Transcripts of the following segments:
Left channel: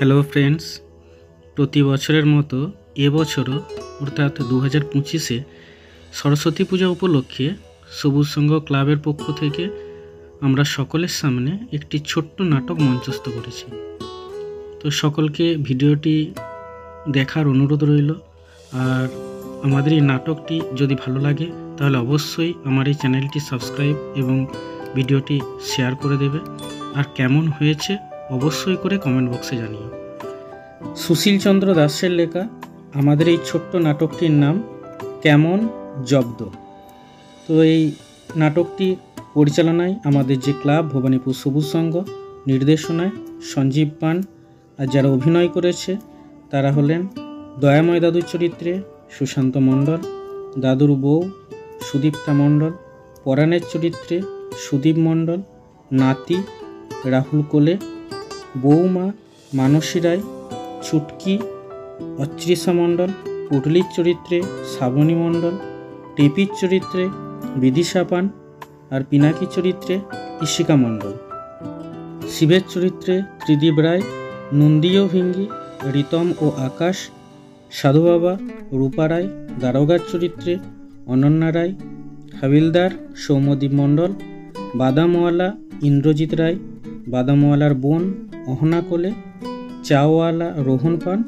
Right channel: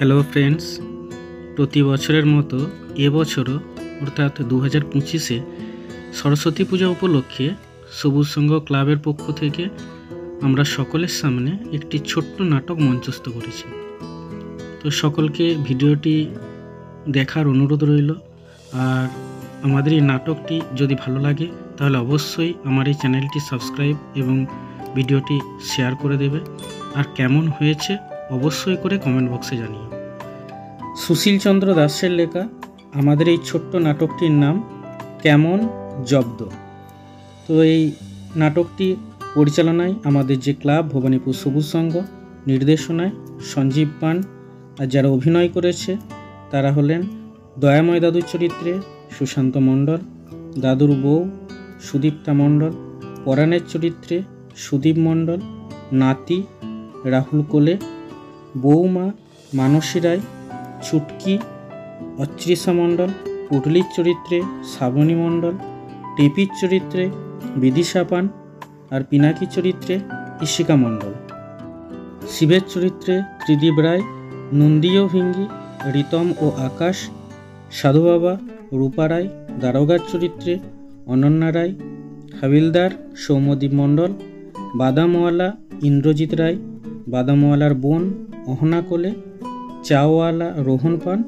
Hello friends, প্রতি বছরের মতো এবছরও অর্থাৎ 2025-এ সরস্বতী পূজা উপলক্ষে সবুজ সংঘ ক্লাবের পক্ষ থেকে আমরা সকলের সামনে একটি ছোট্ট নাটক মঞ্চস্থ করেছি। তো সকলকে ভিডিওটি দেখার অনুরোধ রইল। আর আমাদের এই নাটকটি যদি ভালো লাগে তাহলে অবশ্যই আমার এই চ্যানেলটি সাবস্ক্রাইব এবং ভিডিওটি শেয়ার করে দেবে। আর কেমন হয়েছে অবশ্যই করে কমেন্ট বক্সে জানিও। সুশীল চন্দ্র দাসের লেখা আমাদের এই ছোট্ট নাটকটির নাম কেমন জব্দ। তো এই নাটকটি পরিচালনায় আমাদের যে ক্লাব ভবানীপুর সবুজ সংঘ, নির্দেশনায় সঞ্জীব পান। আর যারা অভিনয় করেছে তারা হলেন দয়াময় দাদুর চরিত্রে সুশান্ত মণ্ডল, দাদুর বউ সুদীপ্তা মণ্ডল, পরাণের চরিত্রে সুদীপ মণ্ডল, নাতি রাহুল কোলে, বৌমা মানসী রায়, ছুটকি অত্রিশা মণ্ডল, পুটলির চরিত্রে শ্রাবণী মণ্ডল, টেপির চরিত্রে বিদিশা পান, আর পিনাকি চরিত্রে ইশিকা মণ্ডল, শিবের চরিত্রে ত্রিদীপ রায়, নন্দীয় ভিঙ্গি, রিতম ও আকাশ, সাধু বাবা রূপা রায়, দারোগার চরিত্রে অনন্যা রায়, হাবিলদার সৌম্যদীপ মণ্ডল, বাদামওয়ালা ইন্দ্রজিৎ রায়, বাদামওয়ালার বোন অহনা কোলে, চাওয়ালা রোহন পান,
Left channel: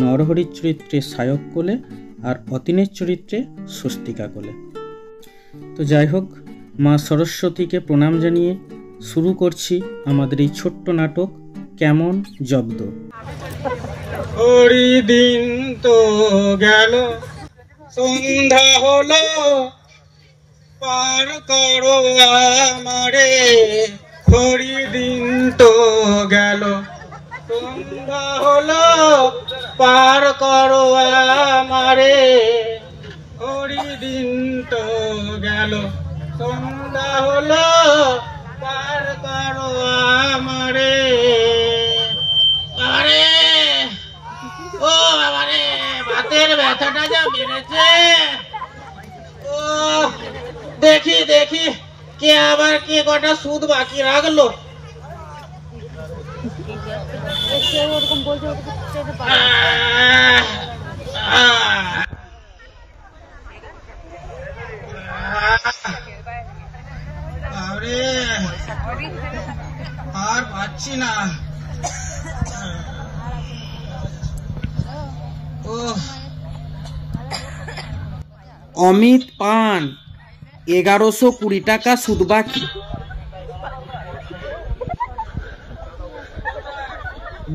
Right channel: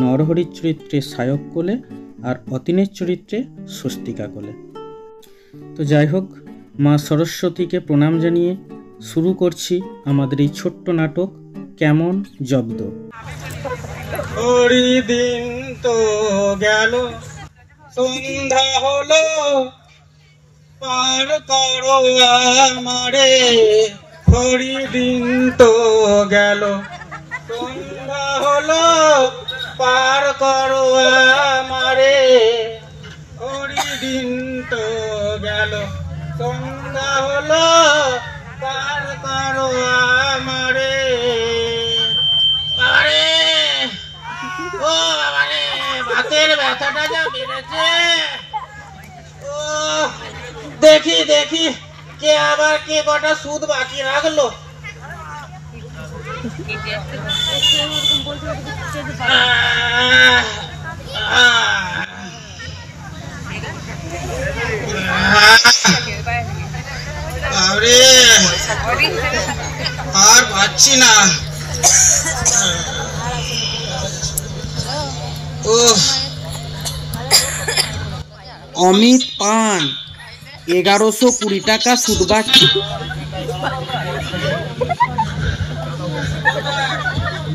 নরহরির চরিত্রে সায়ক কোলে, আর অতীনের চরিত্রে স্বস্তিকা কোলে। তো যাই হোক, মা সরস্বতীকে প্রণাম জানিয়ে শুরু করছি আমাদের এই ছোট্ট নাটক কেমন জব্দ। দিন তো গেল, সন্ধ্যা হলো, পার করো আমারে। দিন তো গেল, সন্ধ্যা হলো, পার করো আমারে। দিন তো গেল, সন্ধ্যা হলো, পার করো আমারে। আরে ও বাবারে, হাতের ব্যথাটা যা বেড়েছে। ও দেখি দেখি কে আবার কে কটা সুদ বাকি রাখলো। আর পাচ্ছি না। অমিত পান 1120 টাকা সুদ বাকি।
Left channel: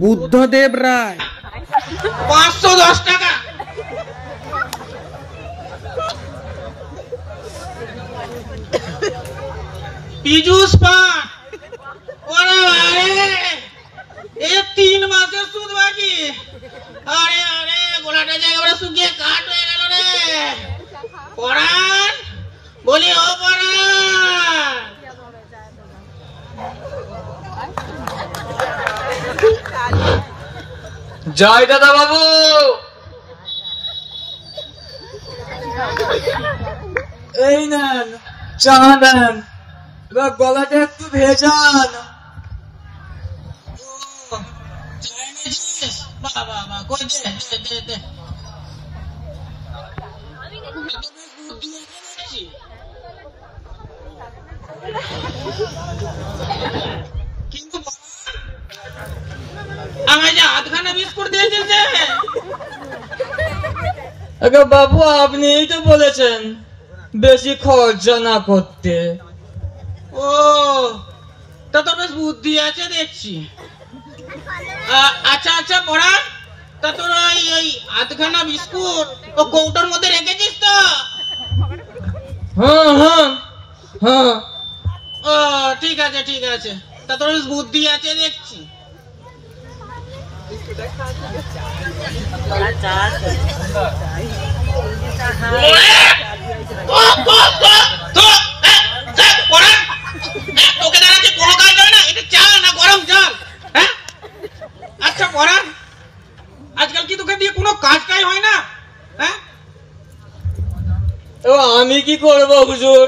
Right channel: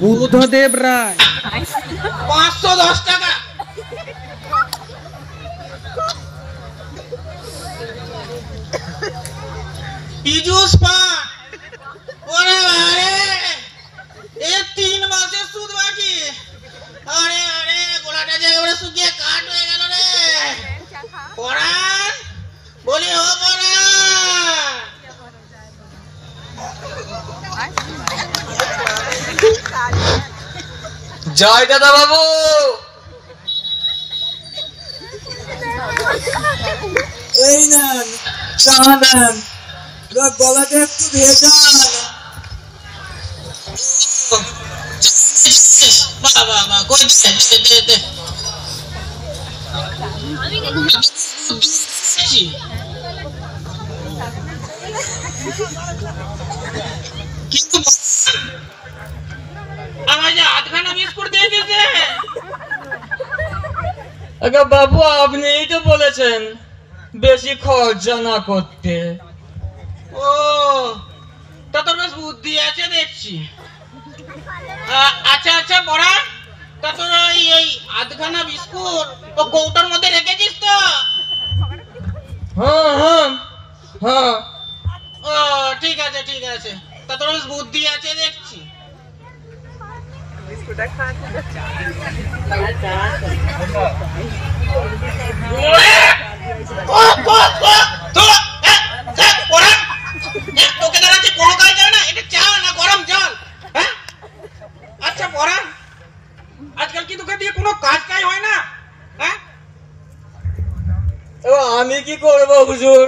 বুদ্ধদেব রায় 510 টাকা। পীযূষ পান, ওরে আরে এ 3 মাসের সুদ বাকি। আরে আরে গোলাটা যে একেবারে শুকিয়ে কাঠ হয়ে গেল রে। পরাণ, বলি ও পরাণ। জয় দাদা বাবু। এই নেন চা নেন, গলাটা একটু ভেজান। বাবু আপনিই তো বলেছেন বেশি খরচা না করতে। ও তা তোর বেশ বুদ্ধি আছে দেখছি। আচ্ছা আচ্ছা পরাণ, তা তোর ওই আধখানা বিস্কুট ও কৌটোর মধ্যে রেখেছিস তো? হ্যাঁ হ্যাঁ হ্যাঁ। ও ঠিক আছে ঠিক আছে, তা তোর বেশ বুদ্ধি আছে দেখছি। তোকে দ্বারা যে কোনো কাজ হয় না, এটা চা না গরম জল? হ্যাঁ আচ্ছা পরাণ, আজকাল কি তোকে দিয়ে কোনো কাজটাই হয় না? হ্যাঁ আমি কি করবো হুজুর,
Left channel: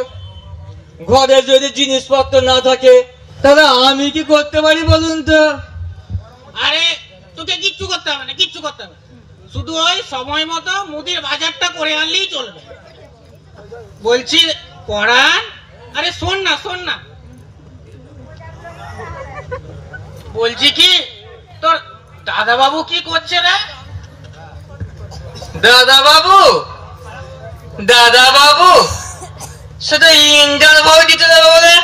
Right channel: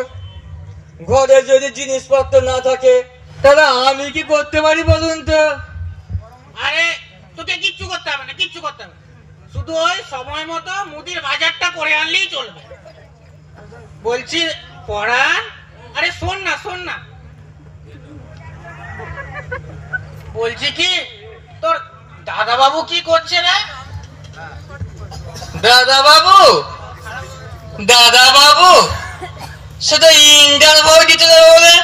ঘরে যদি জিনিসপত্র না থাকে তাহলে আমি কি করতে পারি বলুন তো? আরে তোকে কিচ্ছু করতে হবে না, কিচ্ছু করতে হবে না। শুধু ওই সময় মতো মুদির বাজারটা করে আনলেই চলবে। বলছি পরাণ, আরে শোন না শোন না, বলছি কি তোর দাদা বাবু কি করছে রে? দাদা বাবু, দাদা বাবু শুধু ইন্টারভিউ দিতে যাবে বলে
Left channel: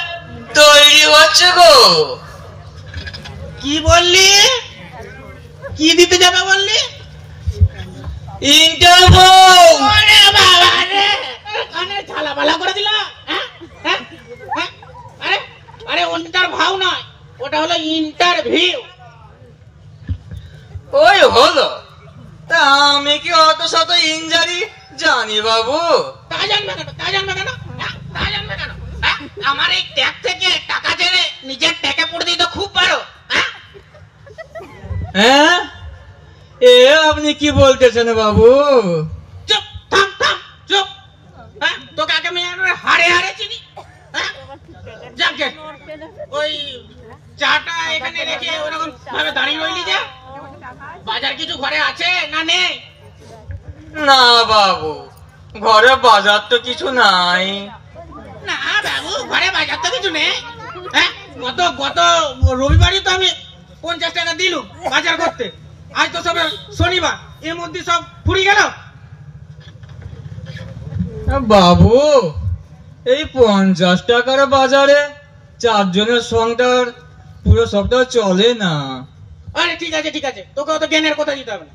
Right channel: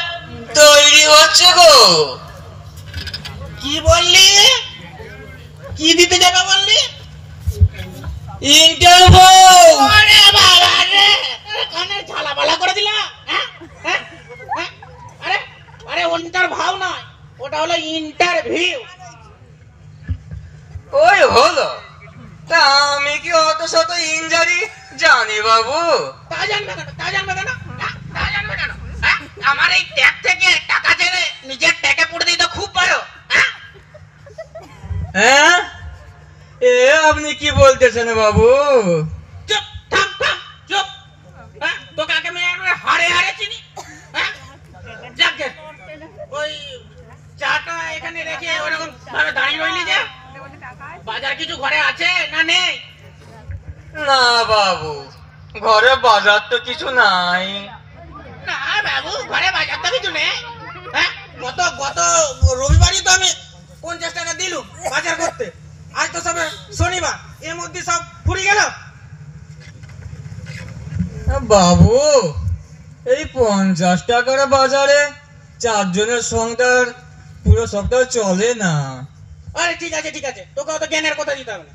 তৈরি হচ্ছে গো। কি বললি? কি দিতে যাবে বললি? ইন্টারভিউ। ওরে বাবা রে, কানে ঝালাপালা করে দিলা। হ্যাঁ হ্যাঁ হ্যাঁ, আরে আরে ইন্টারভিউ নয়, ওটা হলো ইন্টারভিউ। ওই হলো, তা আমি কি অত শত ইংরাজি জানি বাবু? তা জানবে কেন? তা জানবে কেন? তা জানবে কেন? আমার এই ট্যাগ থেকে টাকা চেনে নিজের ট্যাগে পড়ে দিতে খুব পারো। হ্যাঁ, এ আপনি কি বলতেছেন বাবু? চুপ, থাম থাম, চুপ। তোকে আগে আমি হারে হারে চিনি। যাকে ওই চাটা এখানে রেখে ওরকম ভাবে দাঁড়িয়ে রইলি যে, বাজার কিছু ঘরে আছে না নেই? না বাবু, ঘরে বাজার তো কিছু নাই। না বাবু, ঘরে বাজার তো কিছু নেই। হ্যাঁ, গত রবিবারই তো আমি 50 টাকা দিলুম বাজার করতে। আজ তো সবে শনিবার, এর মধ্যে সব ফুরিয়ে গেল। বাবু, এই 50 টাকার বাজারে 4 জনের সংসার পুরো সপ্তাহ চলে না। আরে ঠিক আছে ঠিক আছে, তোকে অত জ্ঞানের কথা দিতে হবে না।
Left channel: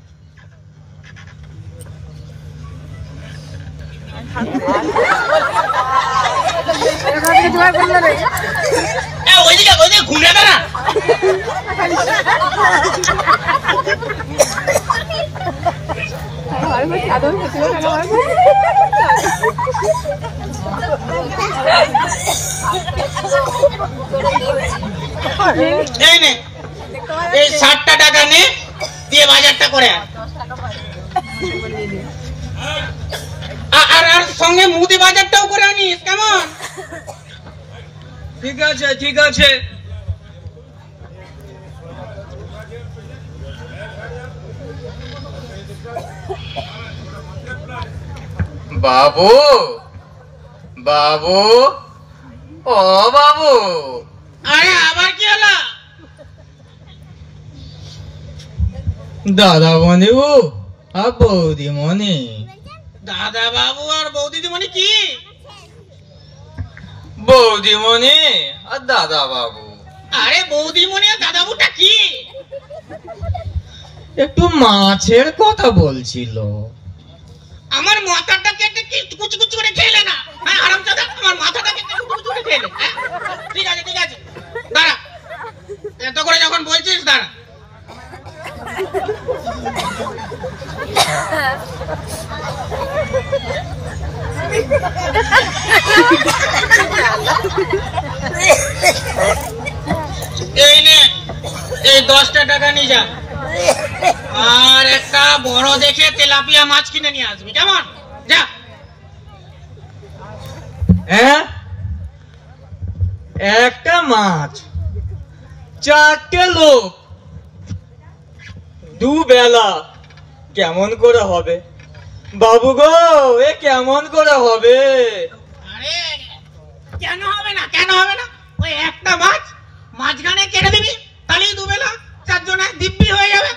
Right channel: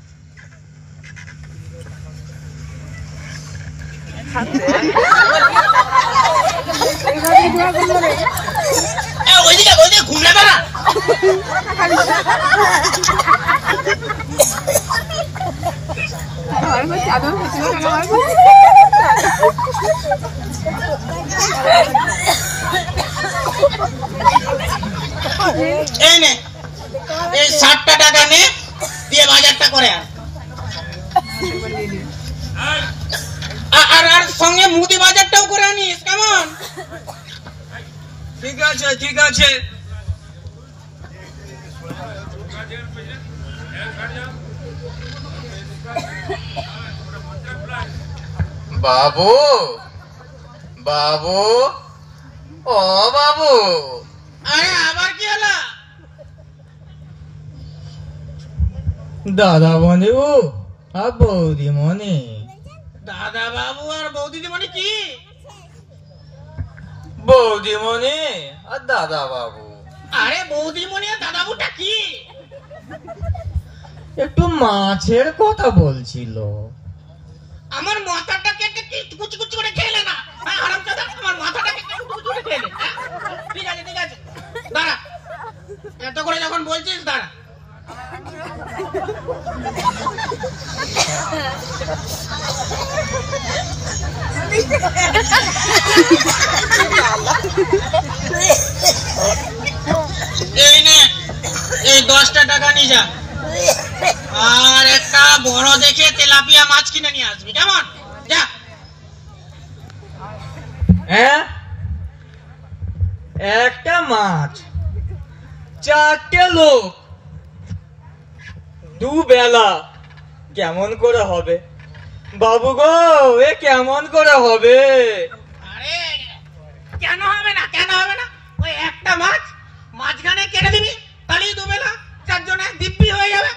ওইদিকে ঘুরে দাঁড়া। এই নে, এই 60 টাকা নে, দিয়ে বাজারটা করে আন। আর সঙ্গে মুদি বাজারটাও করে আনিস, কেমন? ঠিক আছে ঠিক আছে। বাবু, বাবু, ও বাবু। আরে আবার কি হলো? দাদা বন্ধু আর বৌদিমণি। দাদা বাবু আর বৌদিদিমণি কি? বৌদিমণি আর দাদা বাবু। আরে বৌদিমণি আর দাদা বাবুটা কি? একটু মাছের কথা বলছিল। আমার মাথাটা কেটে কি কুচি কুচি করে খেলে না? হ্যাঁ হারামজাদা, আমার মাথাটা কেটে কুচি কুচি করে খেলে। ঠিক আছে ঠিক আছে, দাঁড়া, এত করে যখন বলছিস দাঁড়া। এই নে, এই 10 টাকা নিয়ে যা, আর একটা বড় দেখে তেলাপিয়া মাছ কিনে নিয়ে আসবি, কেমন? যা। হ্যাঁ, একটা মাছ, 4টে লোক, 2 বেলা, কেমন করে হবে বাবু গো? এ কেমন করে হবে? আরে কেন হবে না, কেন হবে না? ওই একটা মাছ মাঝখানে কেটে দিবি, তাহলেই 2 বেলা 4 জনে দিব্যি হয়ে যাবে।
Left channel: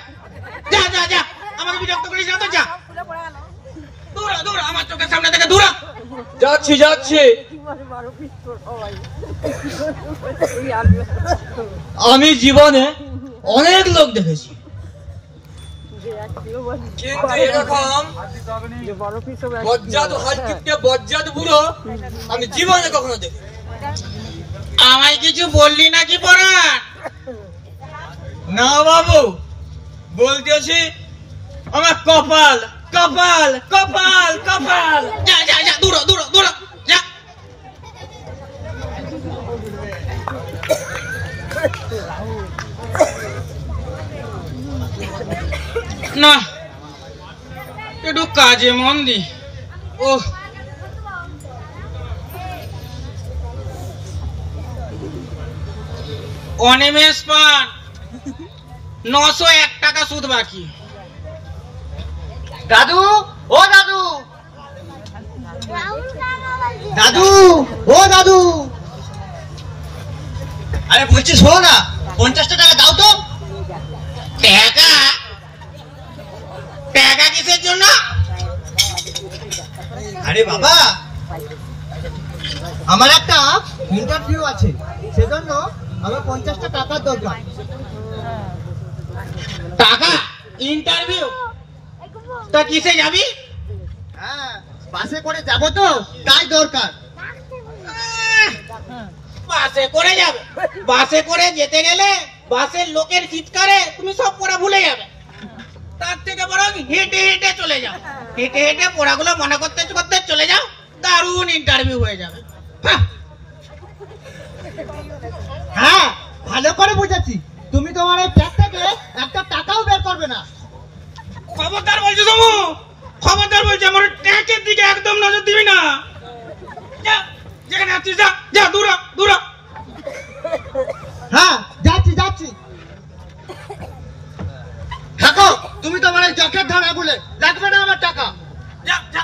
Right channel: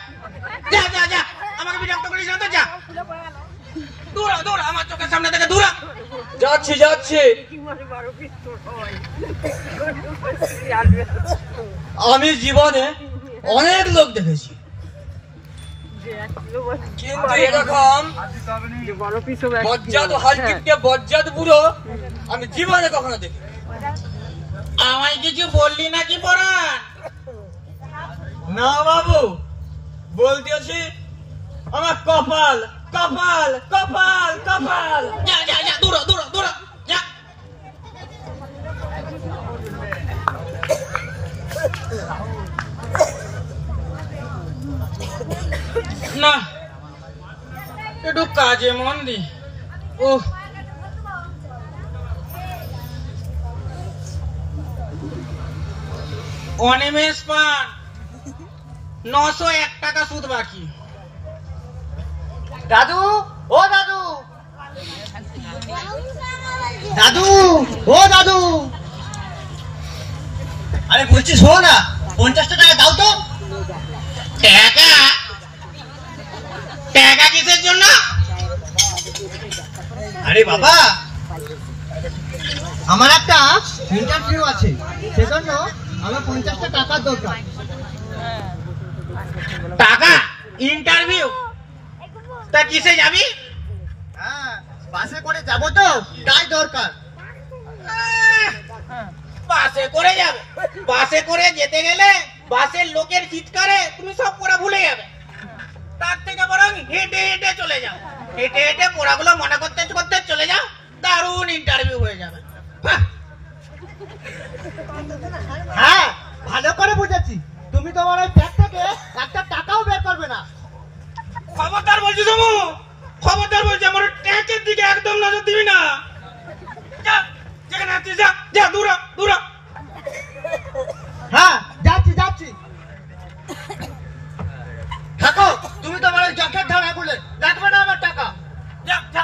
যা যা যা, আমাকে বিরক্ত করিস না তো, যা। দূরা দূরা, আমার চোখের সামনে থেকে দূরা। যাচ্ছি যাচ্ছি। আমি জীবনে অনেক লোক দেখেছি, কিন্তু এরকম বজ্জাত হালকিপটে বজ্জাত বুড়ো আমি জীবনে কখনো দেখি। আমায় কিছু বললি নাকি পরাণ? না বাবু, বলতেছি আমার কপাল কপাল কপাল কপাল। যা যা যা, দূরা দূরা দূরা, যা। না, একটু কাজে মন দি। ও অনিমেষ পান 901 টাকা সুদ বাকি। দাদু, ও দাদু, দাদু, ও দাদু, আরে বলছি শোনো না, 50টা টাকা দাও তো। টাকা? টাকা কিসের জন্য? আরে বাবা, আমার একটা ইন্টারভিউ আছে, সেজন্য আমার 50টা টাকার দরকার। টাকা? ইন্টারভিউ? তা কিসে যাবি? হ্যাঁ, বাসে করে যাব তো, তাই দরকার। বাসে করে যাবে? বাসে করে যেতে গেলে বাসের লোকের চিৎকারে তুমি সব পড়া ভুলে যাবে। তার থেকে বরং হেঁটে হেঁটে চলে যাও, হেঁটে হেঁটে পড়াগুলো মনে করতে করতে চলে যাও, দারুণ ইন্টারভিউ হয়ে যাবে। হ্যাঁ, ভালো করে বুঝেছি। তুমি তোমার এই ব্যাগ থেকে একটা টাকাও বের করবে না। খবরদার বলছি সমু, খবরদার বলছি, আমার ট্যাক্সের দিকে একদম নজর দিবি না। যা, যেখানে আছিস যা, যা, দূর হ, দূর হ। হ্যাঁ, যাচ্ছি যাচ্ছি। থাকো, তুমি তোমার এই জখের ধারা বলে লাগবে না আমার টাকা। যা, যা।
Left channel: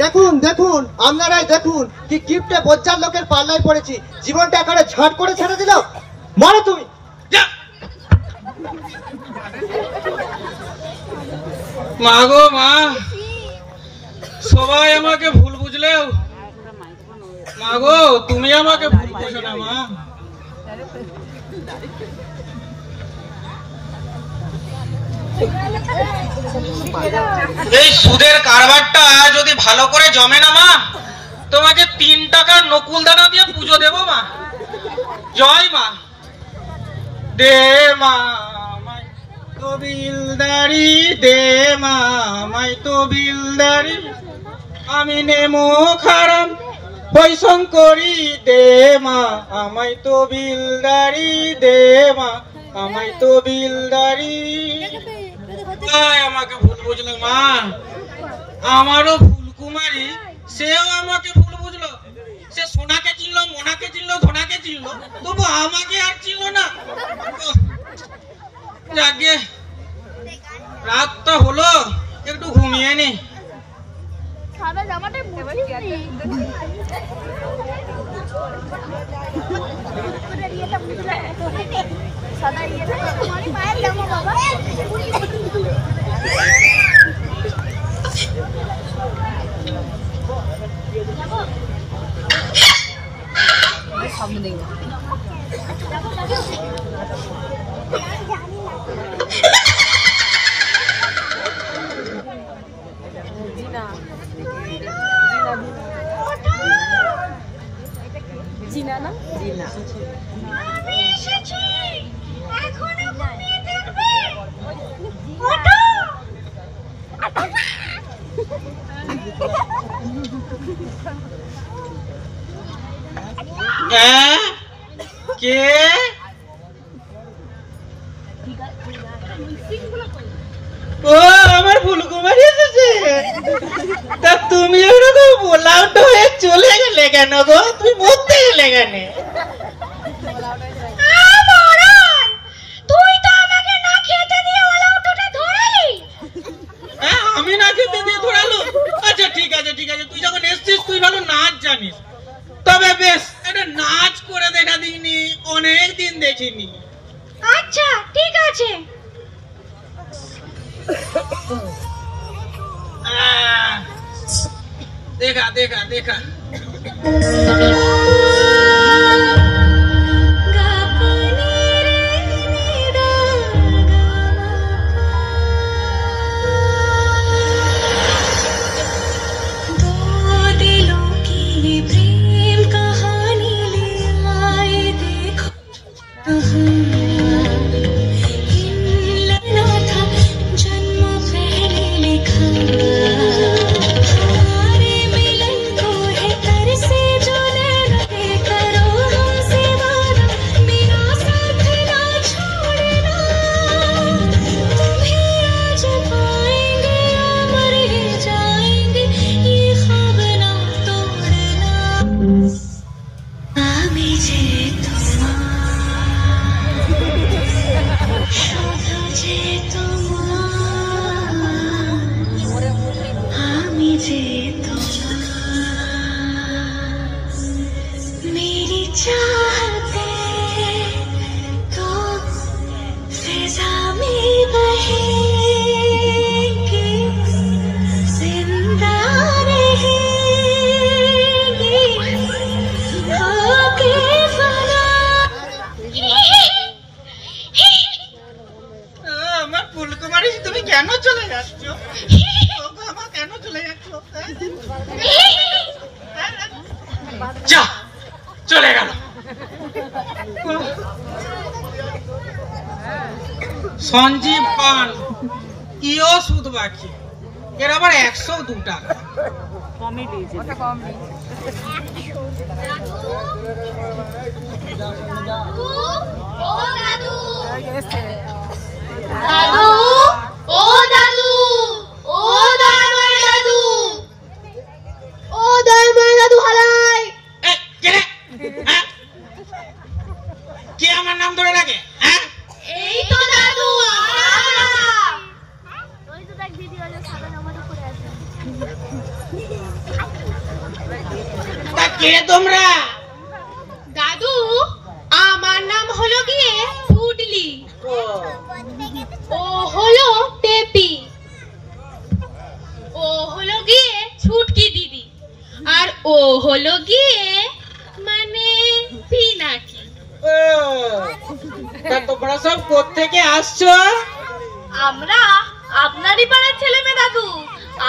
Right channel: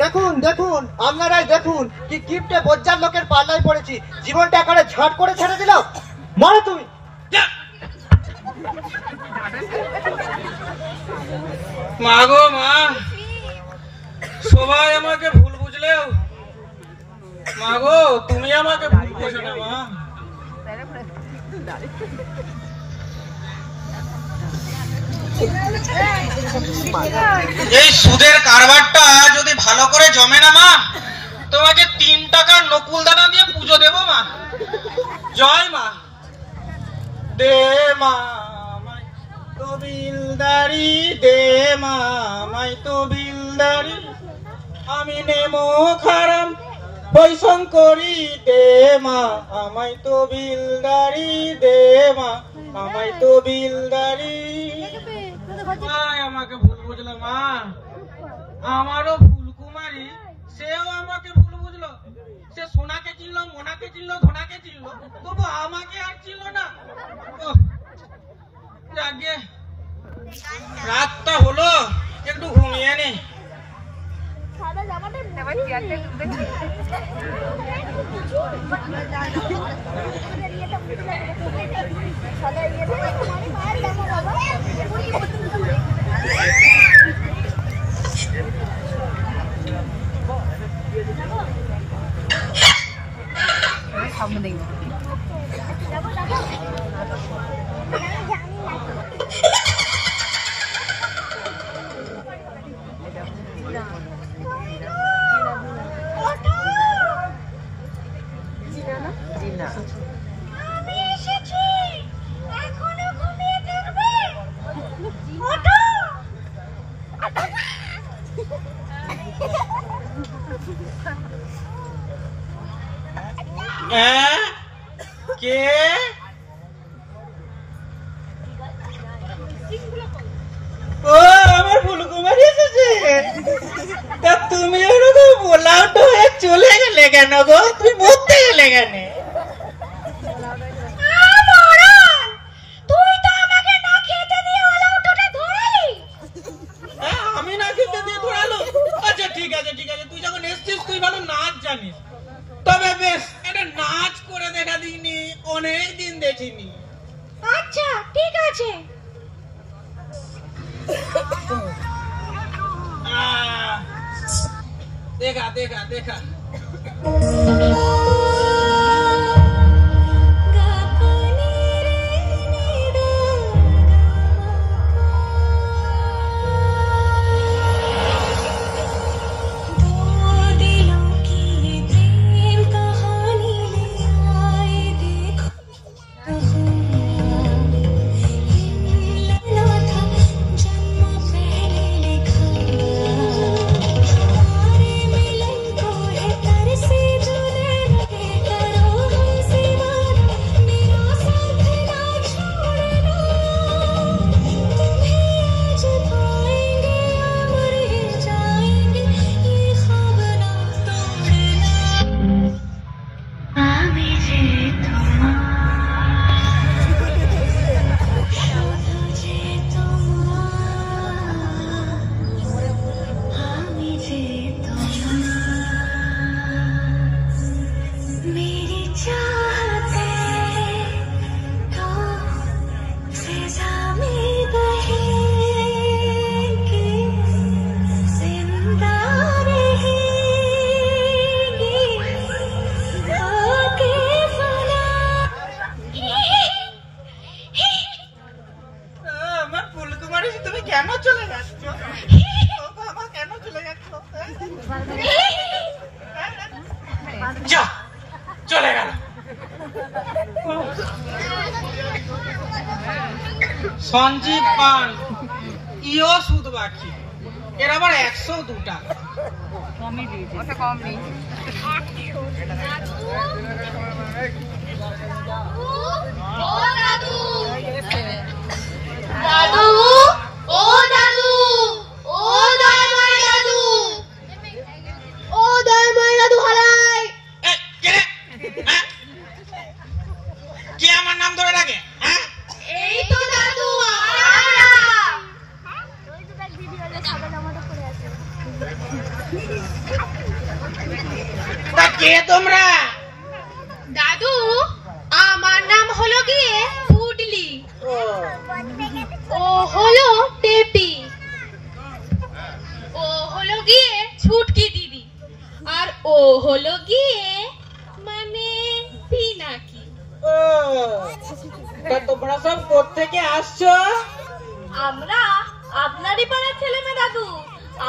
দেখুন দেখুন, আপনারাই দেখুন কি কিপটে বজ্জার লোকের পাল্লায় পড়েছি। জীবনটা একেবারে ঝট করে ছেড়ে দিল। মারো তুমি। মা গো মা, সবাই আমাকে ভুল বুঝলেও মা গো তুমি আমাকে ভুল বুঝো না মা। এই সুদের কারবারটা যদি ভালো করে জমে না মা, তোমাকে 3 টাকার নকুল দানা দিয়ে পুজো দেবো মা। জয় মা। দে মা মাই তো বিলদারি, দে মা মাই তো বিলদারি, আমি নেমো খারাম বৈশঙ্করী, দে মা আমায় তো বিলদারি, দে মা আমায় তো বিলদারি। আমাকে ভুল বুঝলো মা। আমারও ফুলকুমারী, সেও আমাকে ভুল বুঝলো। সে সোনাকে চিনলো, মোনাকে চিনলো, ধনাকে চিনলো, তবু আমাকে আর চিনলো না। যাকে রাতটা হলো, একটু ঘুমিয়ে নি। কে? ও আমার ফুলকুমারী এসেছে। তা তুমি ওরকম বোলাউট হয়ে চলে গেলে কেন গো? তুমি মরতে গেলে কেন? আমি না খেতে দিয়ে ধরালো? আচ্ছা ঠিক আছে ঠিক আছে, তুই যখন এসছিস তুই ভালো নাচ জানিস। তবে বেশ একটা নাচ করে দেখা দিইনি, অনেক দিন দেখিনি। আচ্ছা ঠিক আছে। দেখা দেখা দেখা। मिलन को है तरसे जो কেন চলে যাচ্ছ? ও বাবা, কেন চলে যাচ্ছ? যা, চলে গেল। সঞ্জীব পান কিও সুদ বাকি, এর আবার 102 টাকা। কে আমার নাম ধরে ডাকে? তা কে তোমরা? দাদু, আমার নাম হলো গিয়ে পুডলি, ও হলো টেপি, ও হলো গিয়ে ছুটকি দিদি, আর ও হলো গিয়ে মানে পিনাকি। তা তোমরা সব কোত্থেকে আসছো? আমরা আপনারই পাড়ার ছেলে মেয়ে দাদু,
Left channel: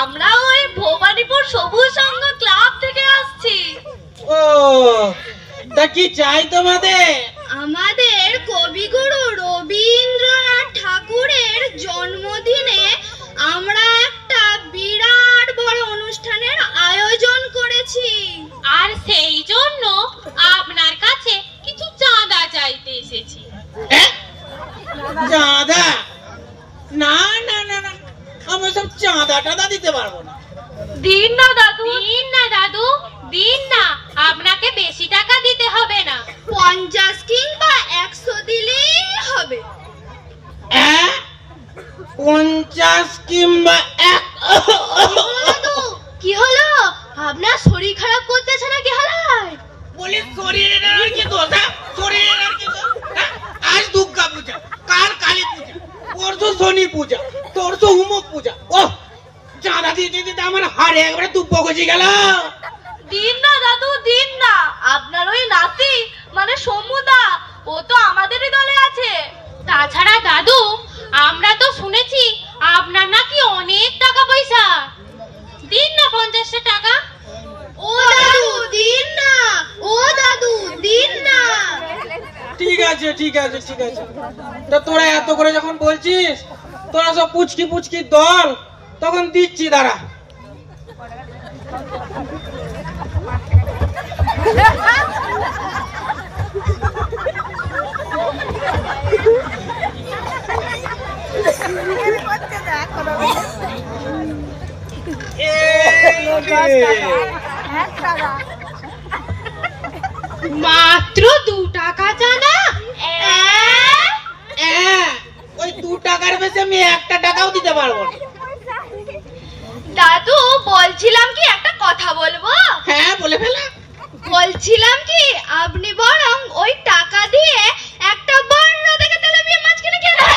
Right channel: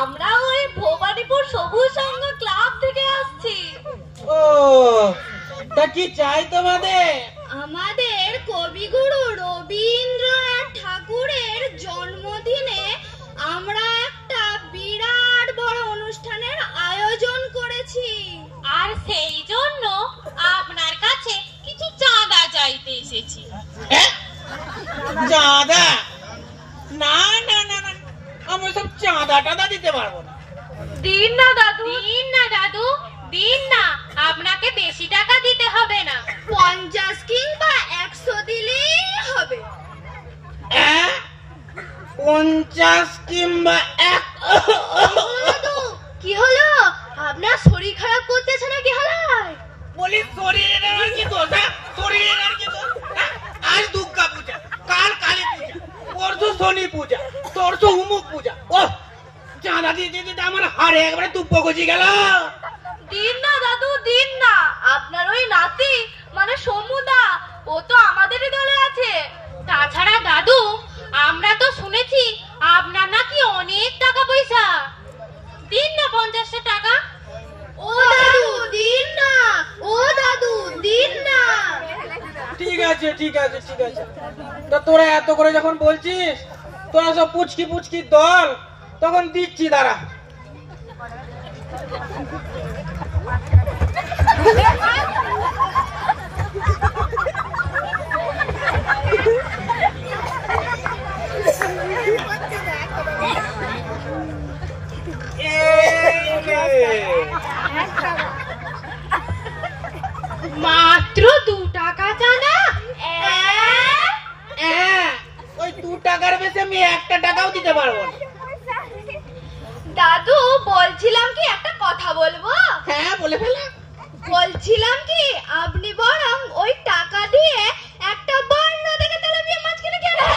আমরা ওই ভবানীপুর সবুজ সংঘ ক্লাব থেকে আসছি। ও, তা কি চাই তোমাদের? আমাদের কবিগুরু রবীন্দ্রনাথ ঠাকুরের জন্মদিনে আমরা একটা বিরাট বড় অনুষ্ঠানের আয়োজন করেছি, আর সেই জন্য আপনার কাছে কিছু চাঁদা চাইতে এসেছি। চাঁদা? না না না না, আমি সব চাঁদা টাদা দিতে পারবো না। দিন না দাদু, দিন না দাদু, দিন না, আপনাকে বেশি টাকা দিতে হবে না, 50 কিংবা 100 দিলেই হবে। 50 কিংবা 1। দাদু, কি হলো? আপনার শরীর খারাপ করতেছে না কি হলো? বলি শরীরের আর কি দোষ? শরীরের আর কি দোষ? আজ দুর্গা পূজা, কাল কালী পূজা, পরশু শনি পূজা, তরশু হুমক পূজা। ও, চাঁদা দিতে দিতে আমার হাড়ে একবারে তুপ্প গজি গেল। দিন না দাদু, দিন না, আপনার ওই নাতি মানে সমুদা, ও তো আমাদেরই দলে আছে। তাছাড়া দাদু, আমরা তো শুনেছি আপনার নাকি অনেক টাকা পয়সা। দিন না 50টা টাকা। ও দাদু, দিন না, ও দাদু, দিন না। ঠিক আছে ঠিক আছে ঠিক আছে, তো তোরা এত করে যখন বলছিস, তোরা সব পুচকি পুচকি দল, তখন দিচ্ছি, দাঁড়া। মাত্র 2 টাকা চাঁদা? ওই 2 টাকার বেশি আমি 1 টাকাও দিতে পারবো না। দাদু, বলছিলাম কি একটা কথা বলবো? হ্যাঁ, বলে ফেলা। বলছিলাম কি আপনি বরং ওই টাকা দিয়ে একটা বড় দেখে তেলাপিয়া মাছ কিনে খেলেন।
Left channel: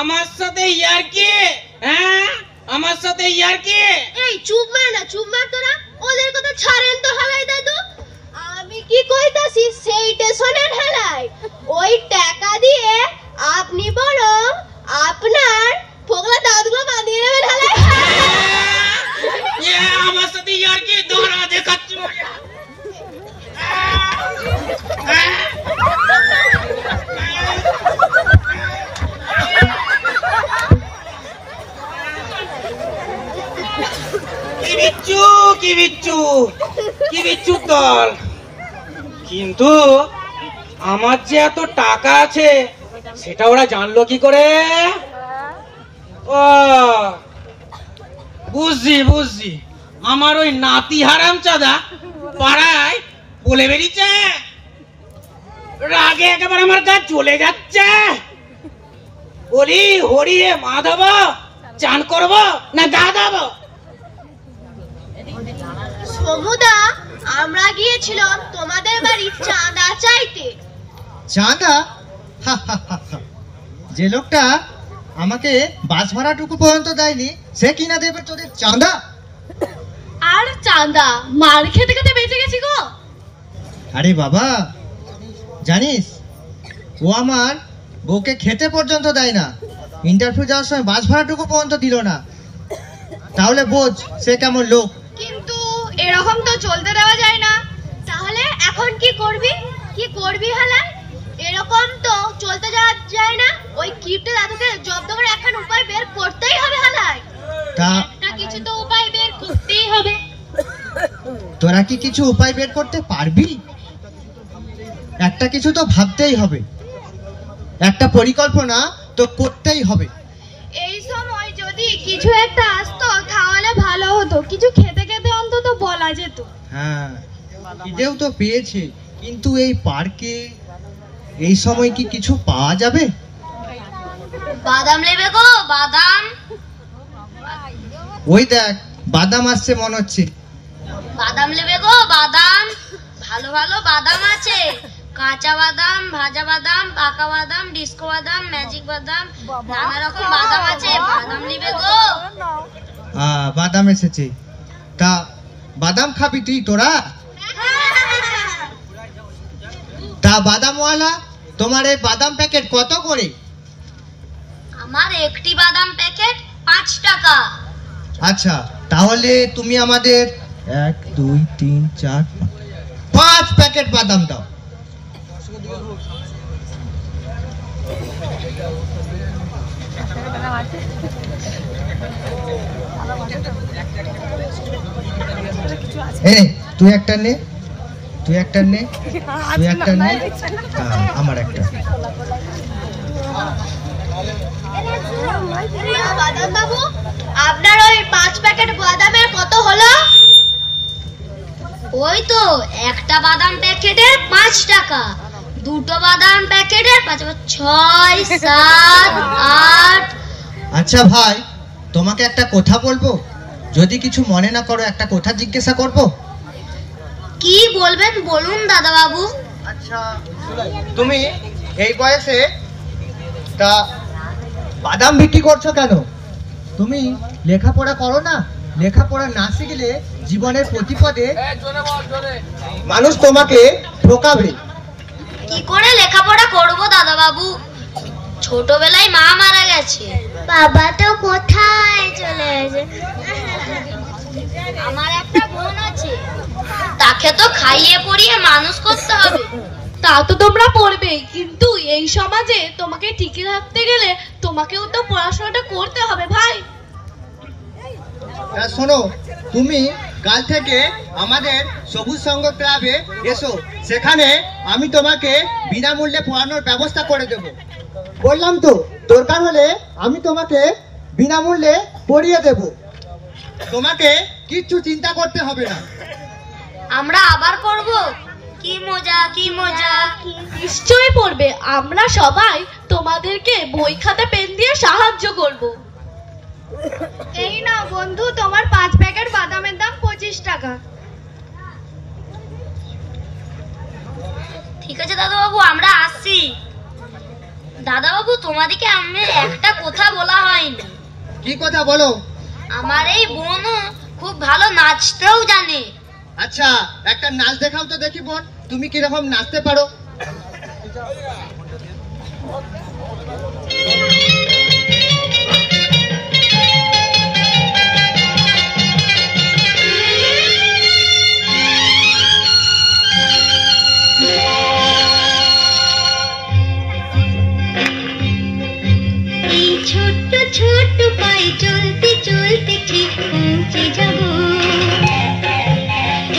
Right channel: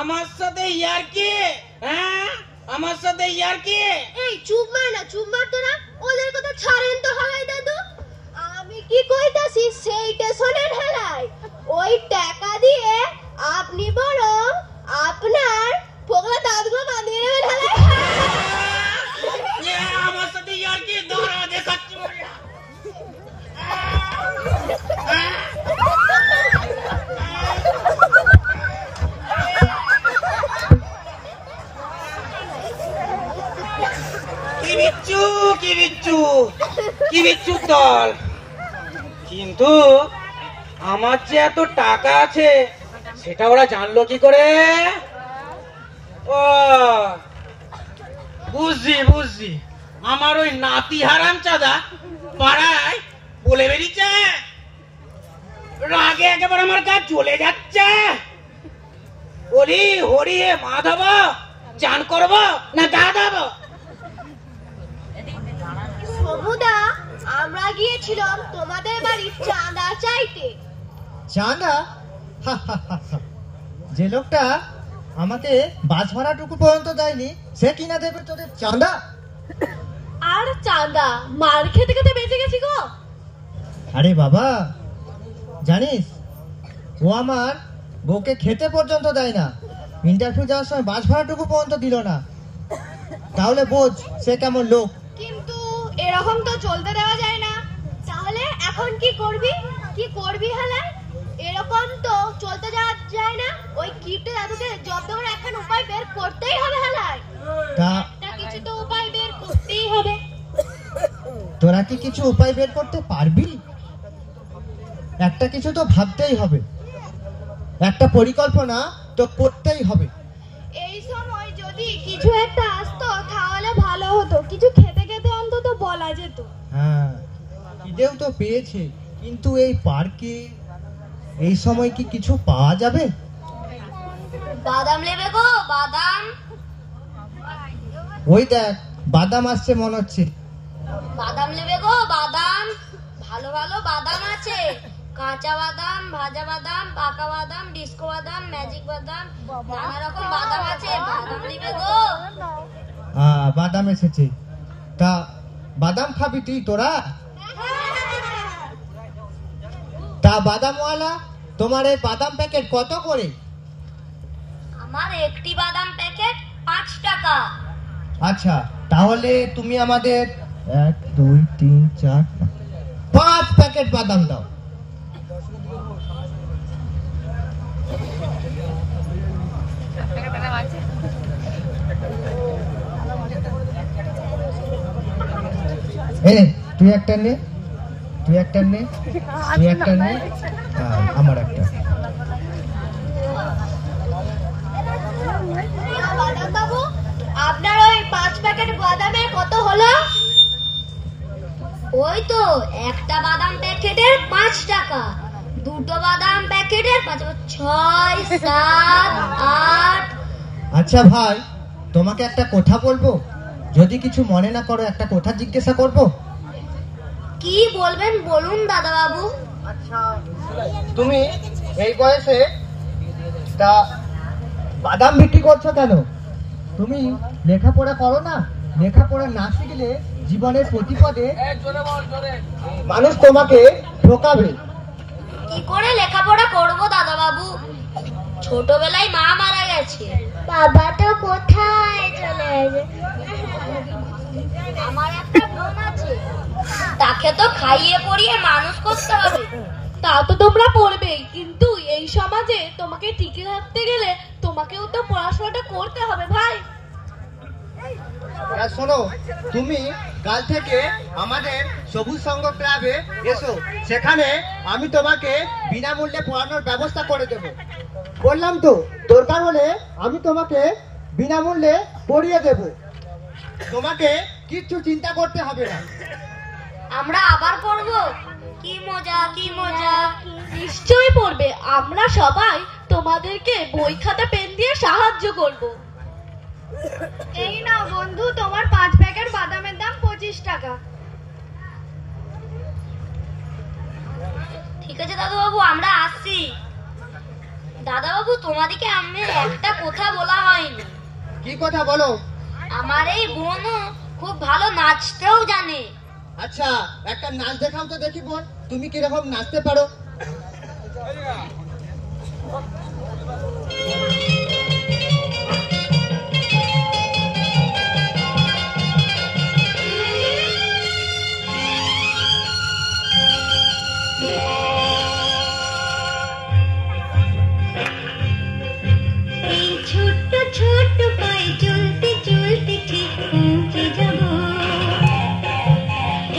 আমার সাথে ইয়ার্কি? হ্যাঁ, আমার সাথে ইয়ার্কি? এই চুপ মার না, চুপ মার তো না, ওদের কথা ছাড়েন তো হালাই দাদু। আমি কি কইতাছি সেইটা শোনেন হালাই। ওই টাকা দিয়ে আপনি বরং আপনার পোগলা দাদুগুলো বাঁধিয়ে নেবেন হালাই। আমার সাথে ইয়ার্কি? দৌড়া দেখাচ্ছি। কি বিচ্ছু দল, কিন্তু আমার যে এত টাকা আছে সেটা ওরা জানলো কি করে? ও, বুঝছি, আমার ওই নাতি হারাম চাঁদা পাড়ায় বলে বেরিয়েছে, রাগে একেবারে আমার গা চলে যাচ্ছে। বলি, হরি হে মাধব, চান করবো না গা দেবো? সমুদা, আমরা গিয়েছিলাম তোমাদের বাড়ি চাঁদা চাইতে। চাঁদা? যে লোকটা আমাকে বাস ভাড়াটুকু পর্যন্ত দেয়নি, সে কিনা দেবে তোদের চাঁদা? আর চাঁদা মার খেতে খেতে বেঁচে গেছি গো। আরে বাবা, জানিস ও আমার বউকে খেতে পর্যন্ত দেয় না, ইন্টারভিউ যাওয়ার সময় বাস ভাড়াটুকু পর্যন্ত দিল না, তাহলে বোঝ সে কেমন লোক। কিন্তু এরকম তো চলতে দেওয়া যায় না। তাহলে এখন কি করবি হালাই? এরকম তো চলতে যাওয়া যায় না। ওই কিপটে দাদুকে জব্দ করে এখন উপায় বের করতেই হবে হালাই। তা একটা কিছু তো উপায় বের করতেই হবে। তোরা কি কিছু উপায় বের করতে পারবি? একটা কিছু তো ভাবতেই হবে, একটা পরিকল্পনা তো করতেই হবে। এই সময় যদি কিছু একটা আসতো তাহলে ভালো হতো, কিছু খেতে খেতে অন্তত বলা যেত। হ্যাঁ, খিদেও তো পেয়েছে, কিন্তু এই পার্কে এই সময় কি কিছু পাওয়া যাবে? বাদাম নেবে গো, বাদাম? ওই দেখ বাদাম আসছে মনে হচ্ছে। বাদাম নেবে গো, বাদাম? ভালো ভালো বাদাম আছে, কাঁচা বাদাম, ভাজা বাদাম, পাকা বাদাম, ডিস্কো বাদাম, ম্যাজিক বাদাম, নানা রকম বাদাম আছে। বাদাম নেবে গো? বাদাম এসেছে। তা বাদাম খাবি তুই তোরা? তা বাদামওয়ালা, তোমার এই বাদাম প্যাকেট কত করে? আমার একটি বাদাম প্যাকেট 5 টাকা। আচ্ছা, তাহলে তুমি আমাদের 1 2 3 4 5 প্যাকেট বাদাম দাও। তুই একটা নে, তুই একটা নে, তুই একটা নে, আমার একটা। বাদাম বাবু, আপনার ওই 5 প্যাকেট বাদামের কত হলো? ওই তো একটা বাদাম প্যাকেটের 5 টাকা, দুটো বাদাম প্যাকেটের 5, 6, 7, 8। আচ্ছা ভাই, তোমাকে একটা কথা বলবো, যদি কিছু মনে না করো একটা কথা জিজ্ঞাসা করব। কি বলবেন বলুন দাদা বাবু। আচ্ছা, তুমি এই বয়সে তা বাদাম বিক্রি করছো কেন? তুমি লেখাপড়া করো না? লেখাপড়া না শিখলে জীবনের প্রতিপদে মানুষ তোমাকে ঠকাবে। কি করে লেখাপড়া করব দাদা বাবু? ছোটবেলায় মা মারা গেছে, বাবা তো কোথায় চলে গেছে। আমার একটা বোন আছে, তাকে তো খাইয়ে পড়িয়ে মানুষ করতে হবে। তা তো তোমরা পড়বেই, কিন্তু এই সমাজে তোমাকে টিকে থাকতে গেলে তোমাকেও তো পড়াশোনাটা করতে হবে ভাই। শোনো, তুমি কাল থেকে আমাদের সবুজ সংঘ ক্লাবে এসো, সেখানে আমি তোমাকে বিনামূল্যে পড়ানোর ব্যবস্থা করে দেব। বললাম তো, দরকার হলে আমি তোমাকে বিনামূল্যে পড়িয়ে দেব, তোমাকে কিচ্ছু চিন্তা করতে হবে না। আমরা আবার পড়ব? কি মজা, কি মজা! নিশ্চয়ই পড়বে, আমরা সবাই তোমাদেরকে বই খাতা পেন দিয়ে সাহায্য করব। এই না বন্ধু, তোমার 5 প্যাকেট বাদামের দাম 25 টাকা। ঠিক আছে দাদা বাবু, আমরা আসছি। দাদা বাবু, তোমাদেরকে আমি একটা কথা বলা হয়নি। কি কথা বলো? আমার এই বোনও খুব ভালো নাচতেও জানে। আচ্ছা, একটা নাচ দেখাও তো দেখি বোন, তুমি কিরকম নাচতে পারো। ছোট্ট ছোট্ট পায়ে চলতে চলতে ঠিক পৌঁছে যাব।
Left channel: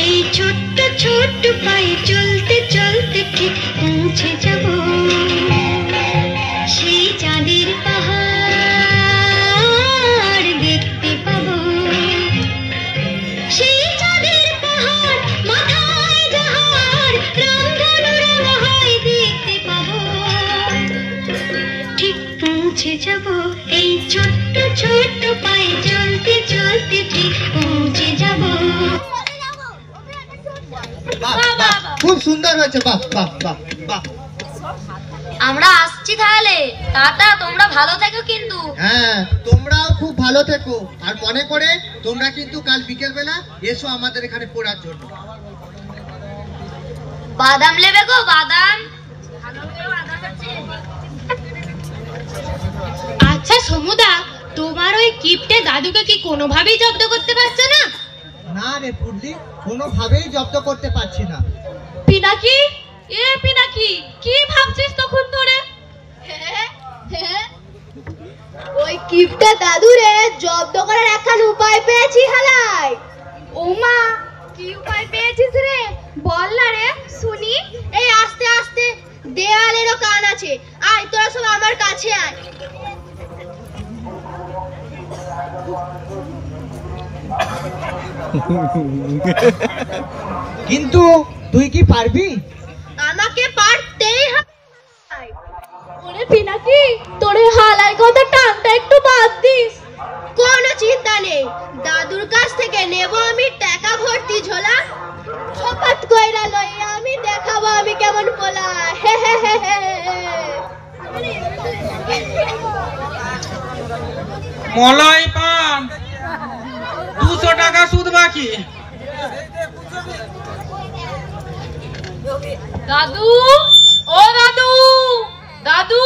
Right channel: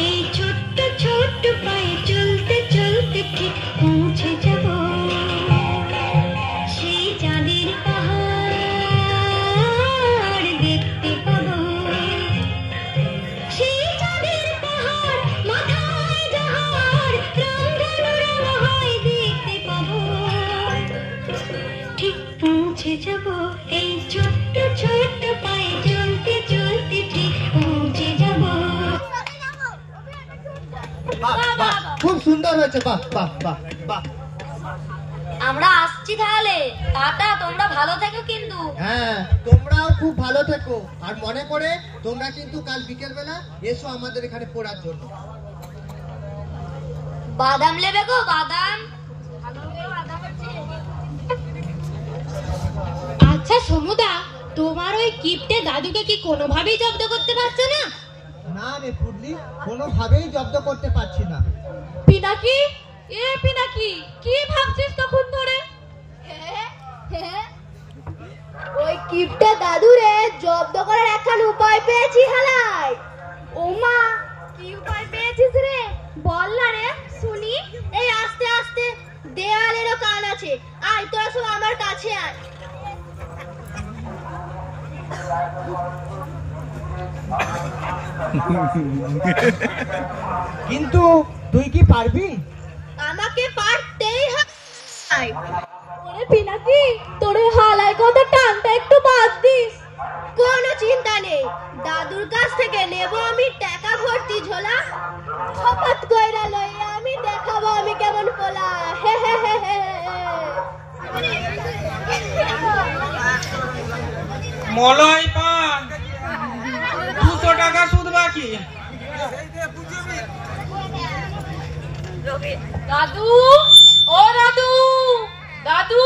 এই ছোট্ট ছোট্ট পায়ে চলতে চলতে ঠিক পৌঁছে যাব। সেই চাঁদের পাহাড় দেখতে পাবো। সেই চাঁদের পাহাড় মাথায় যাহার রংধনুর হয় দেখতে পাবো। ঠিক পৌঁছে যাব। এই ছোট্ট ছোট্ট পায়ে চলতে চলতে ঠিক পৌঁছে যাব। বাহ বাহ, খুব সুন্দর হয়েছে, বাহ বাহ বাহ বাহ। আমরা আসছি তাহলে, টাটা, তোমরা ভালো থেকো কিন্তু। হ্যাঁ, তোমরাও খুব ভালো থেকো, আর মনে করে তোমরা কিন্তু কাল বিকেল বেলা এসো আমাদের এখানে পড়ার জন্য। বাদাম নেবে গো, বাদাম? ভালো করে বাদাম আছে। আচ্ছা কিপ্টে দাদুকে কি কোনোভাবেই জব্দ করতে পারছো না? না রে পুডলি, কোনোভাবেই জব্দ করতে পারছি না। পিনাকি, পিনাকি, কি ভাবছিস তখন ধরে? ওই কিপটা দাদুরে জব্দ করার একখান উপায় পেয়েছি হালাই। ওমা, কি উপায় পেয়েছিস রে? বল না রে শুনি। এই আস্তে আস্তে, দেয়ালেরও কান আছে। আয় তোরা সব আমার কাছে আয়। কিন্তু তুই কি পারবি? আমাকে পারতেই হবে। ওরে পিনাকি, তোর হালাই কথা টানটা একটু বাদ দিস। কোনো চিন্তা নেই, দাদুর কাছ থেকে নেব আমি টাকা ভর্তি ঝোলা। হঠাৎ কইরা লই আমি দেখাবো আমি কেমন পোলা। হে হে হে হে। মলয় পান 200 টাকা সুদ বাকি। দাদু, ও দাদু, দাদু।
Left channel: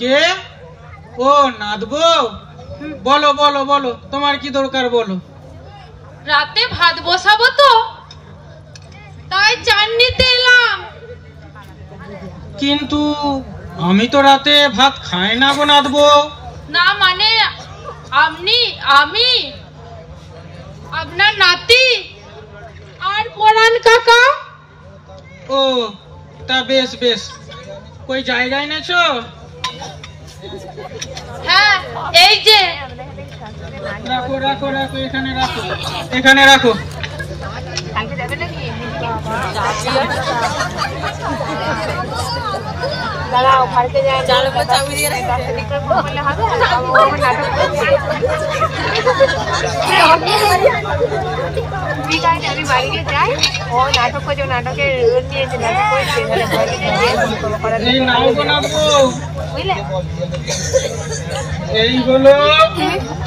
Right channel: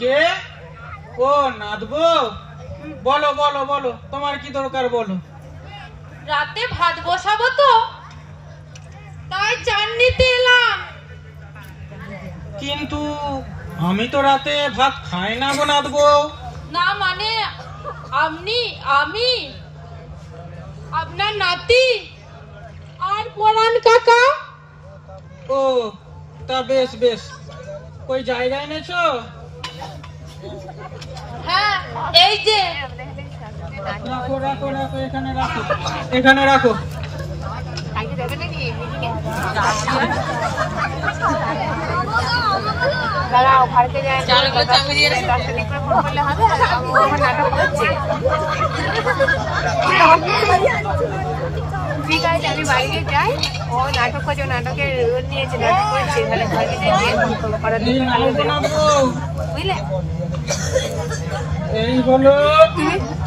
কে? ও নাদবো, বলো বলো বলো, তোমার কি দরকার বলো। রাতে ভাত বসাবো তো, তাই চান নিতে এলাম। কিন্তু আমি তো রাতে ভাত খাই না গো নাদবো। না মানে আমি আপনার নাতি আর পরান কাকা। ও তা বেশ বেশ, কই জায়গায় নেছো? হ্যাঁ, এই যে। রাখো রাখো রাখো, এখানে রাখো, এখানে রাখো। ঠিক আছে, আমি বাড়িতে যাই। ও নাটক করছে, নাটকের রোল নিয়েছে, নাটক করছে, এই নাও গো নাদবো, বুঝলে? এই হলো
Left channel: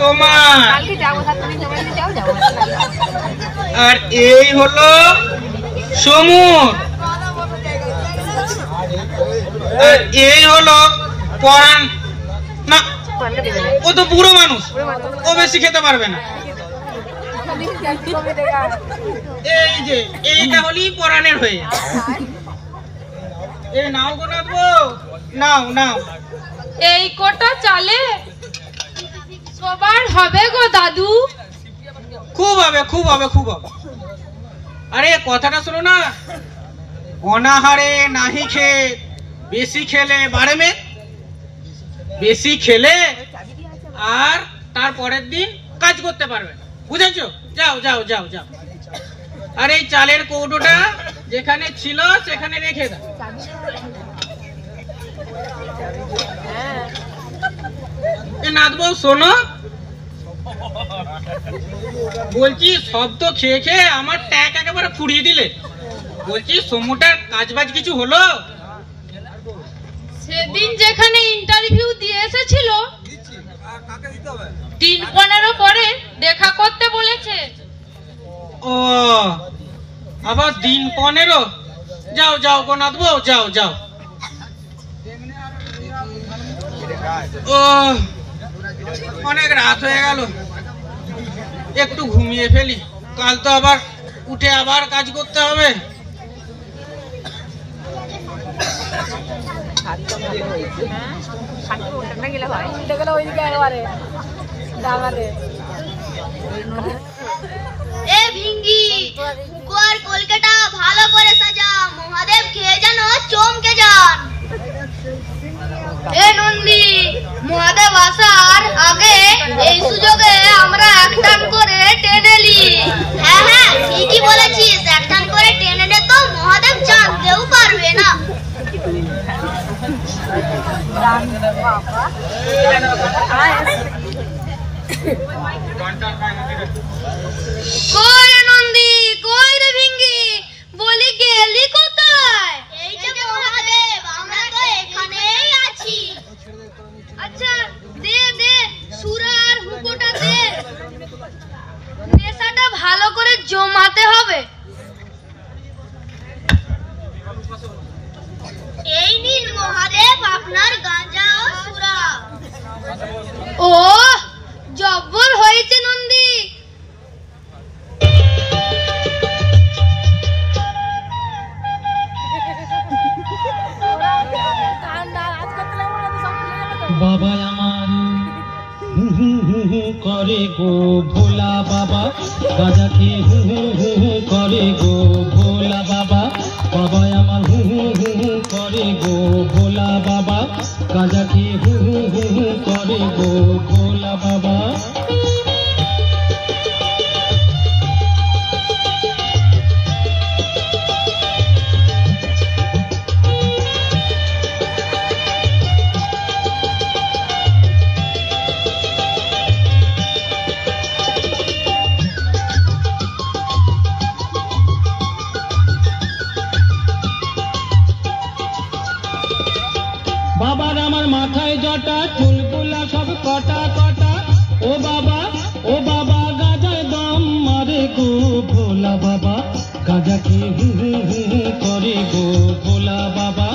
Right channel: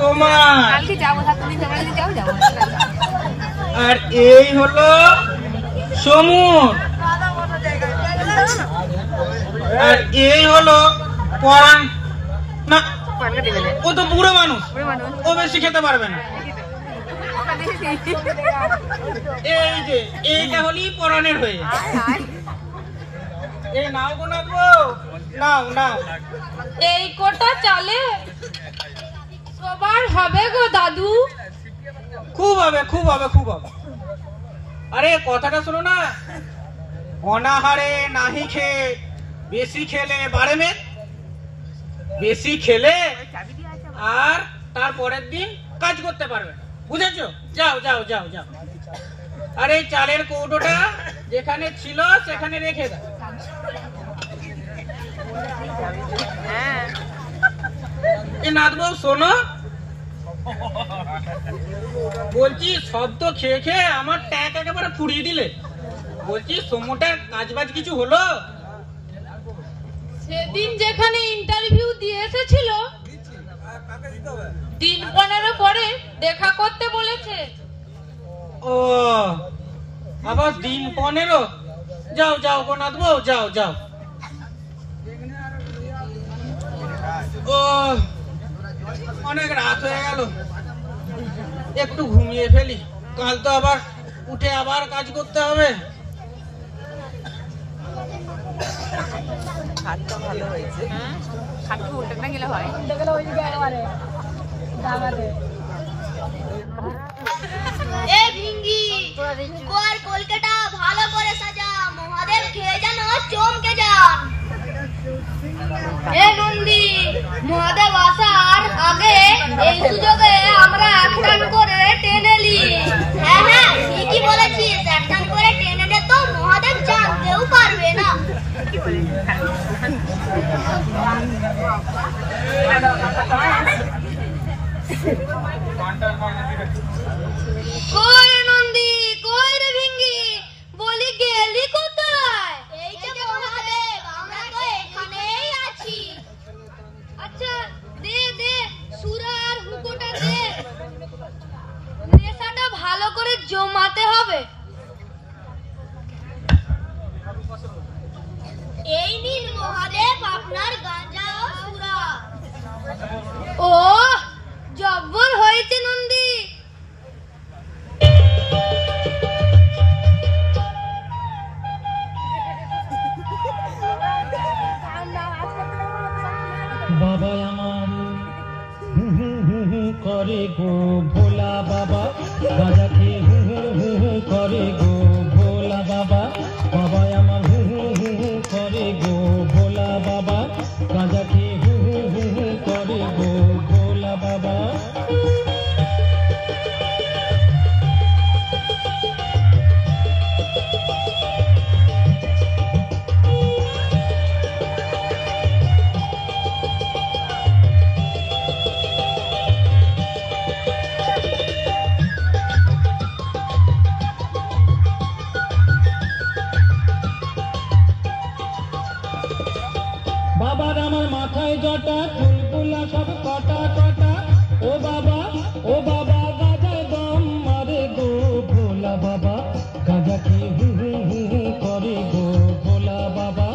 তোমার, কালকে যাবো, তুমি বাড়িতে যাও। যাবো আর এই হলো সমুর, আর এই হলো পরাণ। না, ও তো বুড়ো মানুষ, ও বেশি খেতে পারবে না। এই যে এইটা হলেই পরাণের হয়ে। এই নাও গো নাদবো, নাও নাও। এই কটা চালে সবার হবে গো দাদু। খুব হবে খুব হবে খুব হবে। আরে কথাটা শোনো না, অনাহারে নাহি খেয়ে বেশি খেলে বাড়ে মেদ, বেশি খেলে আর তারপরের দিন কাজ করতে পারবে না, বুঝেছো? যাও যাও যাও যাও। আর এই চালের কৌটোটা যেখানে ছিল সেখানে রেখে দাও। এ নাদবউ শোনো, বলছি সব তো খেয়ে খেয়ে আমার ট্যাগ একেবারে ফুরিয়ে দিলে। বলছি সমুটার কাজবাজ কিছু হলো? সেদিন যেখানে ইন্টারভিউ দিয়ে এসেছিল 3-15 পরে দেখা করতে বলেছে। ও আবার দিন 15? যাও যাও গো নাদবউ, যাও যাও। ও অনেক রাত হয়ে গেল, একটু ঘুমিয়ে ফেলি, কাল তো আবার উঠে আবার কাজ করতে হবে। উল্টে গেলে হয়, উল্টে গেলে ওইদিকে একবারে দাঁড়াবে। এ ভিঙ্গি, কর কলকাতা ভালো করে সাজা, মহাদেব খেয়ে যেন চমকে যান। এ নন্দী, মহাদেব আসার আগে এই সুযোগে আমরা একটান করে টেনে নি। হ্যাঁ হ্যাঁ, ঠিকই বলেছিস, একটান করে টেনে নে তো মহাদেব জানতেও পারবে না। কই রে নন্দী, কই রে ভিঙ্গি, বলি গেলি কোথায়? এই যে মহাদেব, আমরা তো এখানেই আছি। আচ্ছা দে দে, সুরা আর হুকোটা দে, নেশাটা ভালো করে জমাতে হবে। এই নিন মহাদেব আপনার গাঁজা ও সুরা। ও বাবা আমার হু হু হু হু করে গো ভোলা বাবা, গাঁজা খেয়ে হু হু হু হু করে গো ভোলা বাবা। বাবা আমার হু হু হু হু করে গো ভোলা বাবা, গাঁজা খেয়ে হু হু হু হু করে গো ভোলা বাবা। বাবার আমার মাথায় জটা, চুলগুলা সব কটা কটা। ও বাবা গাঁজায় দম মারে গো ভোলা বাবা, গাঁজা খেয়ে হু হু হু হু করে গো ভোলা বাবা।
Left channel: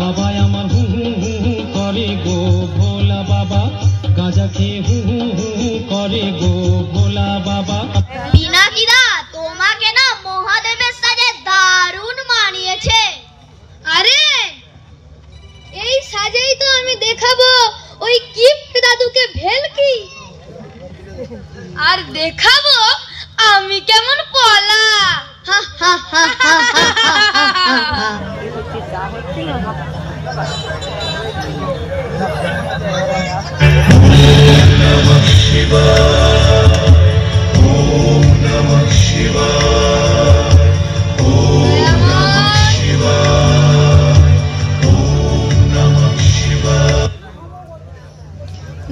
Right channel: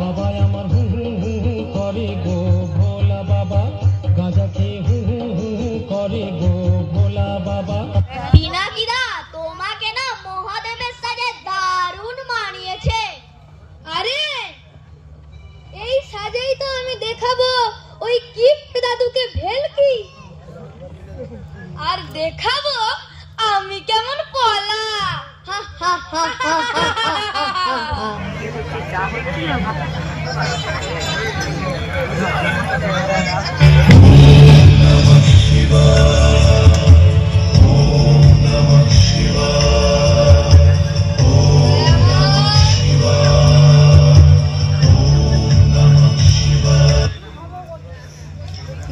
বাবা আমার হু হু হু হু করে গো ভোলা বাবা, গাঁজা খেয়ে হু হু হু হু করে গো ভোলা বাবা। পিনাকিদা, তোমাকে না মহাদেবের সাজে দারুণ মানিয়েছে। আরে এই সাজেই তো আমি দেখাবো ওই গিফট দাদুকে ভেলকি, আর দেখাবো আমি কেমন পলা। হা হা হা হা হা হা হা।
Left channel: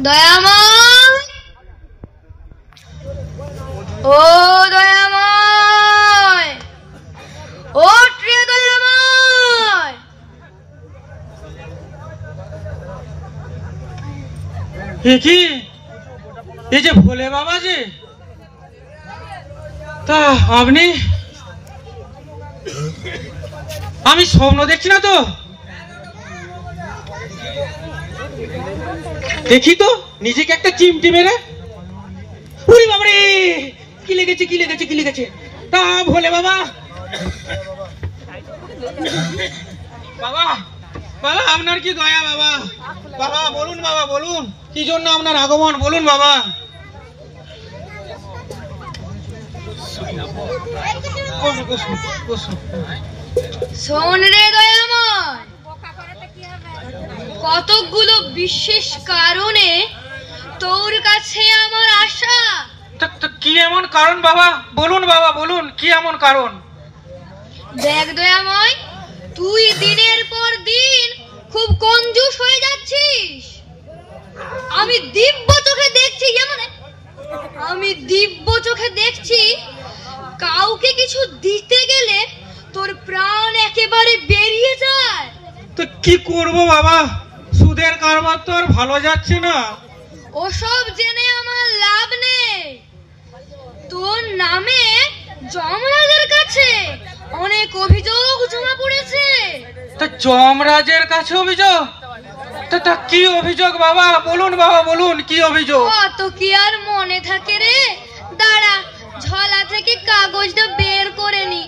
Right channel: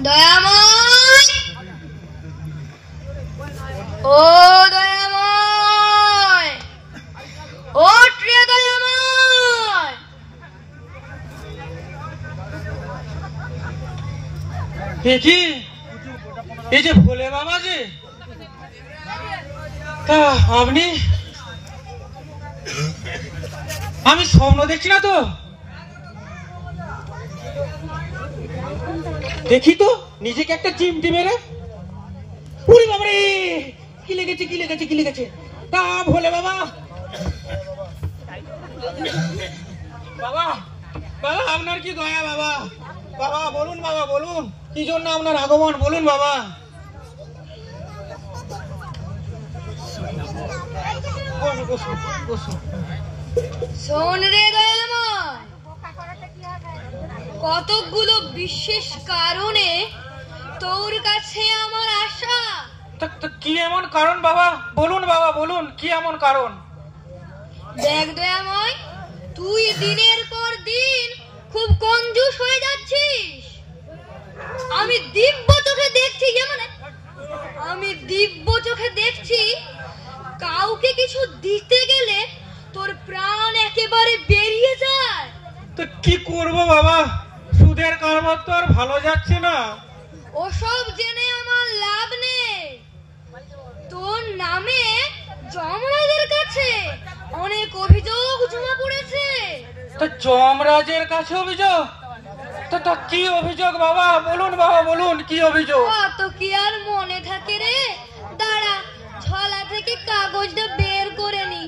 দয়াময়, ও দয়াময়, ও প্রিয় দয়াময়। কি এই যে ভোলে বাবা যে, তা আপনি? আমি স্বপ্ন দেখছি না তো? দেখি তো নিজেকে একটা চিমটি মেরে। উরি বাবারে, কি লেগেছে কি লেগেছে কি লেগেছে? তা ভোলে বাবা, বাবা বাবা আপনার কি দয়া বাবা? বাবা বলুন, বাবা বলুন, কি জন্য আপনার আগমন বলুন বাবা। শোন রে দয়াময়, কতগুলো বিশেষ কারণে তোর কাছে আমার আশা। কি এমন কারণ বাবা? বলুন বাবা বলুন, কি এমন কারণ? দেখ দয়াময়, তুই দিনের পর দিন খুব কঞ্জুস হয়ে যাচ্ছিস। আমি দিব্য চোখে দেখছি, আমি দিব্য চোখে দেখছি কাউকে কিছু দিতে গেলে তোর প্রাণ একেবারে বেরিয়ে যায়। তো কি করব বাবা, সুদের কারবার তো আর ভালো যাচ্ছে না। ওসব জেনে আমার লাভ নেই। তোর নামে যমরাজের কাছে অনেক অভিযোগ জমা পড়েছে। তো যমরাজের কাছে অভিযোগ? তা কি অভিযোগ বাবা? বলুন বাবা বলুন, কি অভিযোগ? অত কি আর মনে থাকে রে? দাঁড়া, ঝোলা থেকে কাগজটা বের করে নি।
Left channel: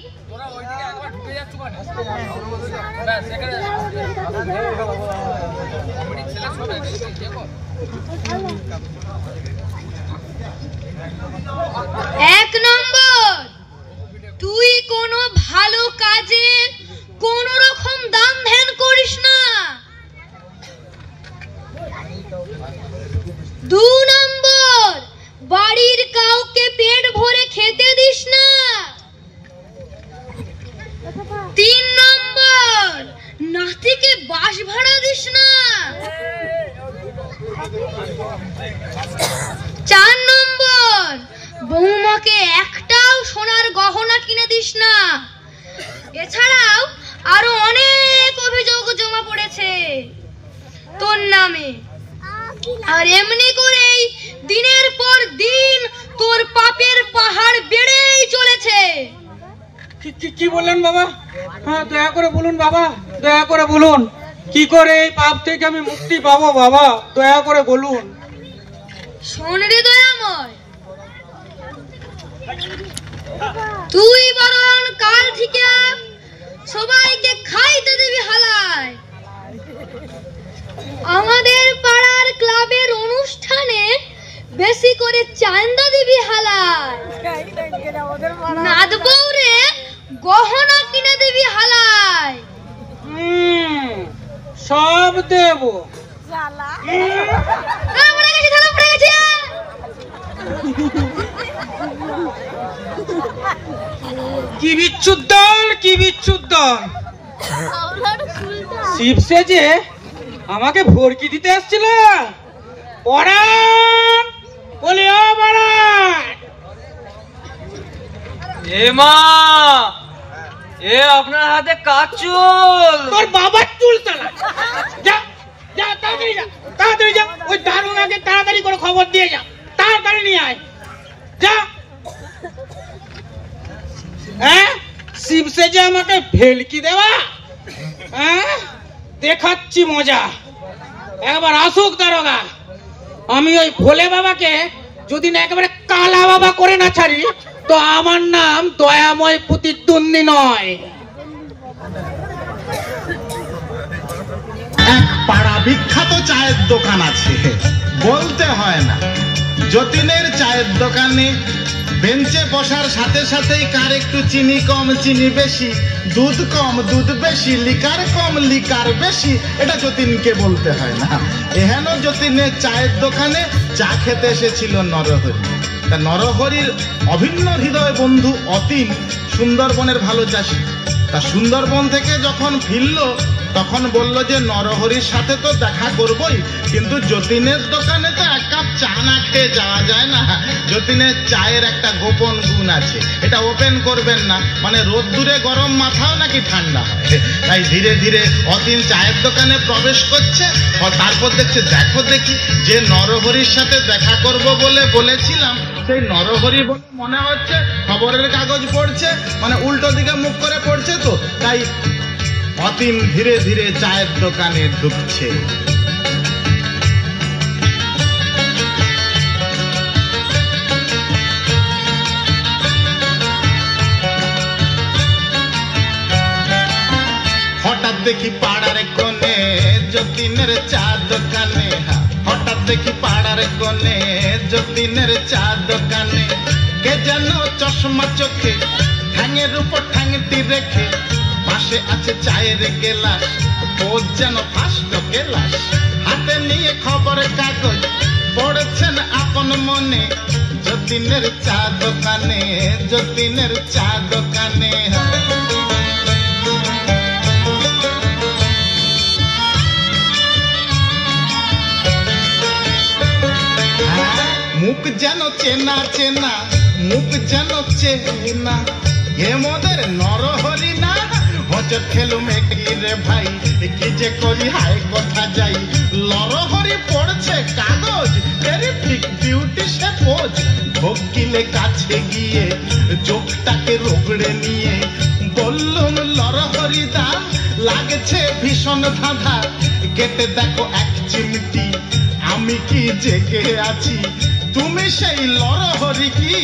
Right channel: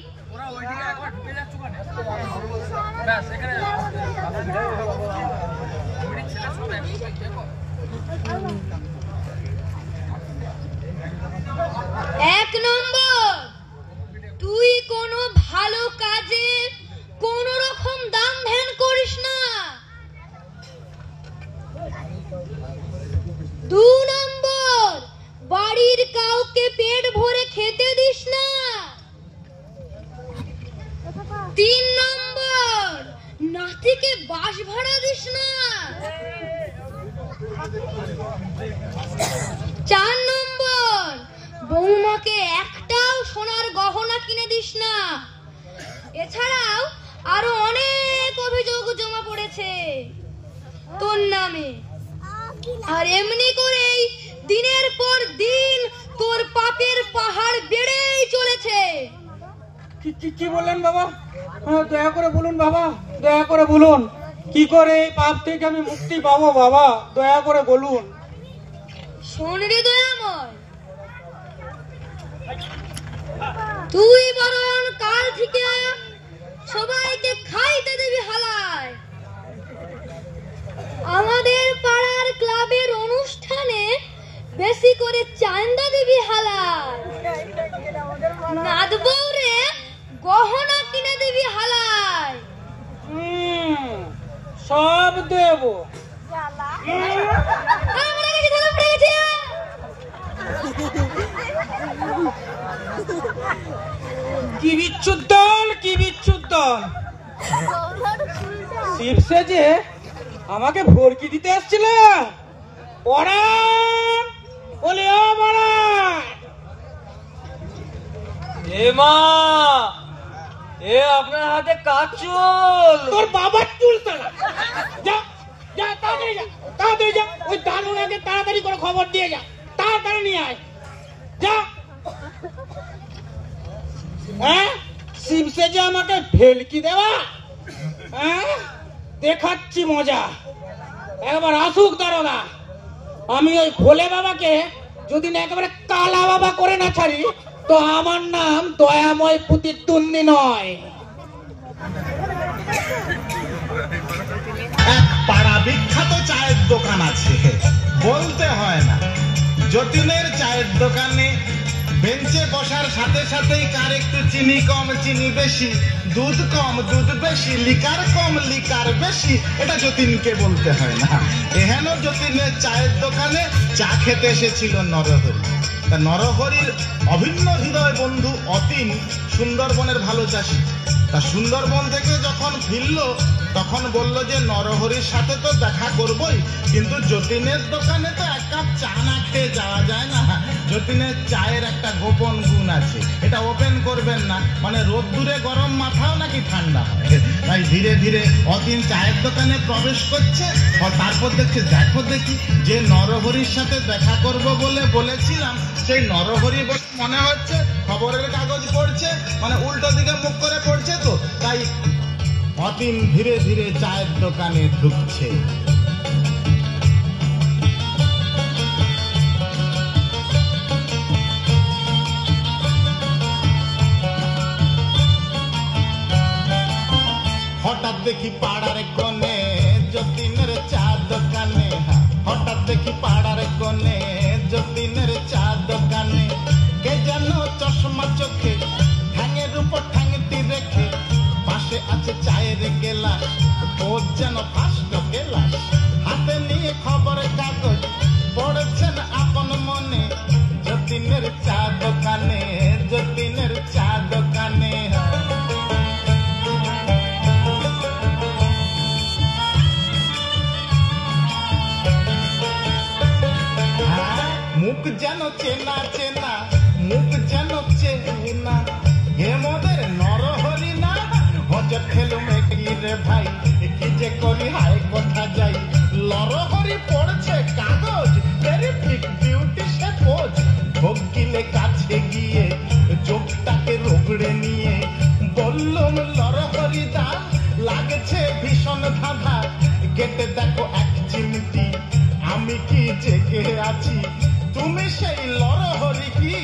এক নম্বর, তুই কোনো ভালো কাজে কোন রকম দান ধ্যান করিস না। 2 নম্বর, বাড়ির কাউকে পেট ভরে খেতে দিস না। 3 নম্বর, নাতিকে বাস ভাড়া দিস না। 4 নম্বর, বৌমাকে একটাও সোনার গহনা কিনে দিস না। এছাড়াও আরো অনেক অভিযোগ জমা পড়েছে তোর নামে। আর এমনি করেই দিনের পর দিন তোর পাপের পাহাড় বেড়েই চলেছে। কি বললেন বাবা? দয়া করে বলুন বাবা, দয়া করে বলুন, কি করে এই পাপ থেকে আমি মুক্তি পাবো বাবা? দয়া করে বলুন। শোন রে দয়াময়, তুই বরং কাল থেকে সবাইকে খাইতে দিবি হালায়। আমাদের পাড়ার গহনা কিনে দিবি হালাই। সব দেব। কি বিচ্ছুর দল, কি বিচ্ছুর দল! শিব সেজে আমাকে ভর্কি দিতে আসছিল। পরাণ, বলি ও পরাণ! এ মা, এ আপনার হাতে কাজ চুল। তোর বাবার চুল চালা। যা যা, তাড়াতাড়ি যা, তাড়াতাড়ি যা। ওই দারুণাকে তাড়াতাড়ি করে খবর দিয়ে যা, তাড়াতাড়ি নিয়ে আয়। যা। হ্যাঁ, শিব সেজে আমাকে ভেলকি দেওয়া? হ্যাঁ, দেখাচ্ছি মজা। একবার আসুক দারোগা। আমি ওই ভোলে বাবাকে যদি না একেবারে কালা বাবা করে না ছাড়ি, তো আমার নাম দয়াময় প্রতিদ্বন্দ্বী নয়। এক পাড়া বিখ্যাত চায়ের দোকান আছে, বলতে হয় না। যতীনের চায়ের দোকানে বেঞ্চে বসার সাথে সাথেই কার একটু চিনি কম চিনি বেশি, দুধ কম দুধ বেশি, লিকার কম লিকার বেশি, এটা যতীনকে বলতে হয় না। এহেন যতীনের চায়ের দোকানে চা খেতে এসেছিল নরহরি। তা নরহরির অভিন্ন হৃদয় বন্ধু অতীন সুন্দরবনের ভালো চাষি। তা সুন্দরবন থেকে যখন ফিরল তখন বলল যে নরহরির সাথে তো দেখা করবই, কিন্তু যতীনের দোকানে তো এক কাপ চা না খেয়ে যাওয়া যায় না। যতীনের চায়ের একটা গোপন গুণ আছে, এটা ওপেন করবেন না, মানে রোদ্দুরে গরম মাথাও নাকি ঠান্ডা হয়। তাই ধীরে ধীরে অতীন চায়ের দোকানে প্রবেশ করছে। তারপর দেখছে, দেখো দেখি, যে নরহরির সাথে দেখা করব বলে বলেছিলাম সেই নরহরি মনে হচ্ছে খবরের কাগজ পড়ছে, মানে উল্টো দিকে মুখ করে পড়ছে। তো তাই অতীন ধীরে ধীরে চায়ের দোকানে ঢুকছে। হঠাৎ দেখি পাড়ার কোণে যতীনের চা দোকানে, হঠাৎ দেখি পাড়ার কোণে যতীনের চা দোকানে কে যেন চশমা চোখে ঠ্যাঙের উপর ঠ্যাংটি রেখে, পাশে আছে চায়ের গেলাস, ও যেন ফাস্ট গেলাস, হাতে নিয়ে খবরের কাগজ পড়েছেন আপন মনে। যতীনের চা দোকানে, যতীনের চা দোকানে। মুখ যেন চেনা চেনা, মুখ যেন চেনা, এ মোদের নরহরি না? হজর খেলু মেকি রে ভাই, কি যে করি হাই কথা যাই। নরহরি পড়ছে কাগজ, টেরিফিক বিউটি সে পোজ। ভোগিলে কাছে গিয়ে চোখটাকে রোগড়ে নিয়ে বললুম, নরহরি দা লাগছে ভীষণ ধাঁধা, কেটে দেখো এক চিমটি, আমি কি জেগে আছি? তুমি সেই নরহরি কি?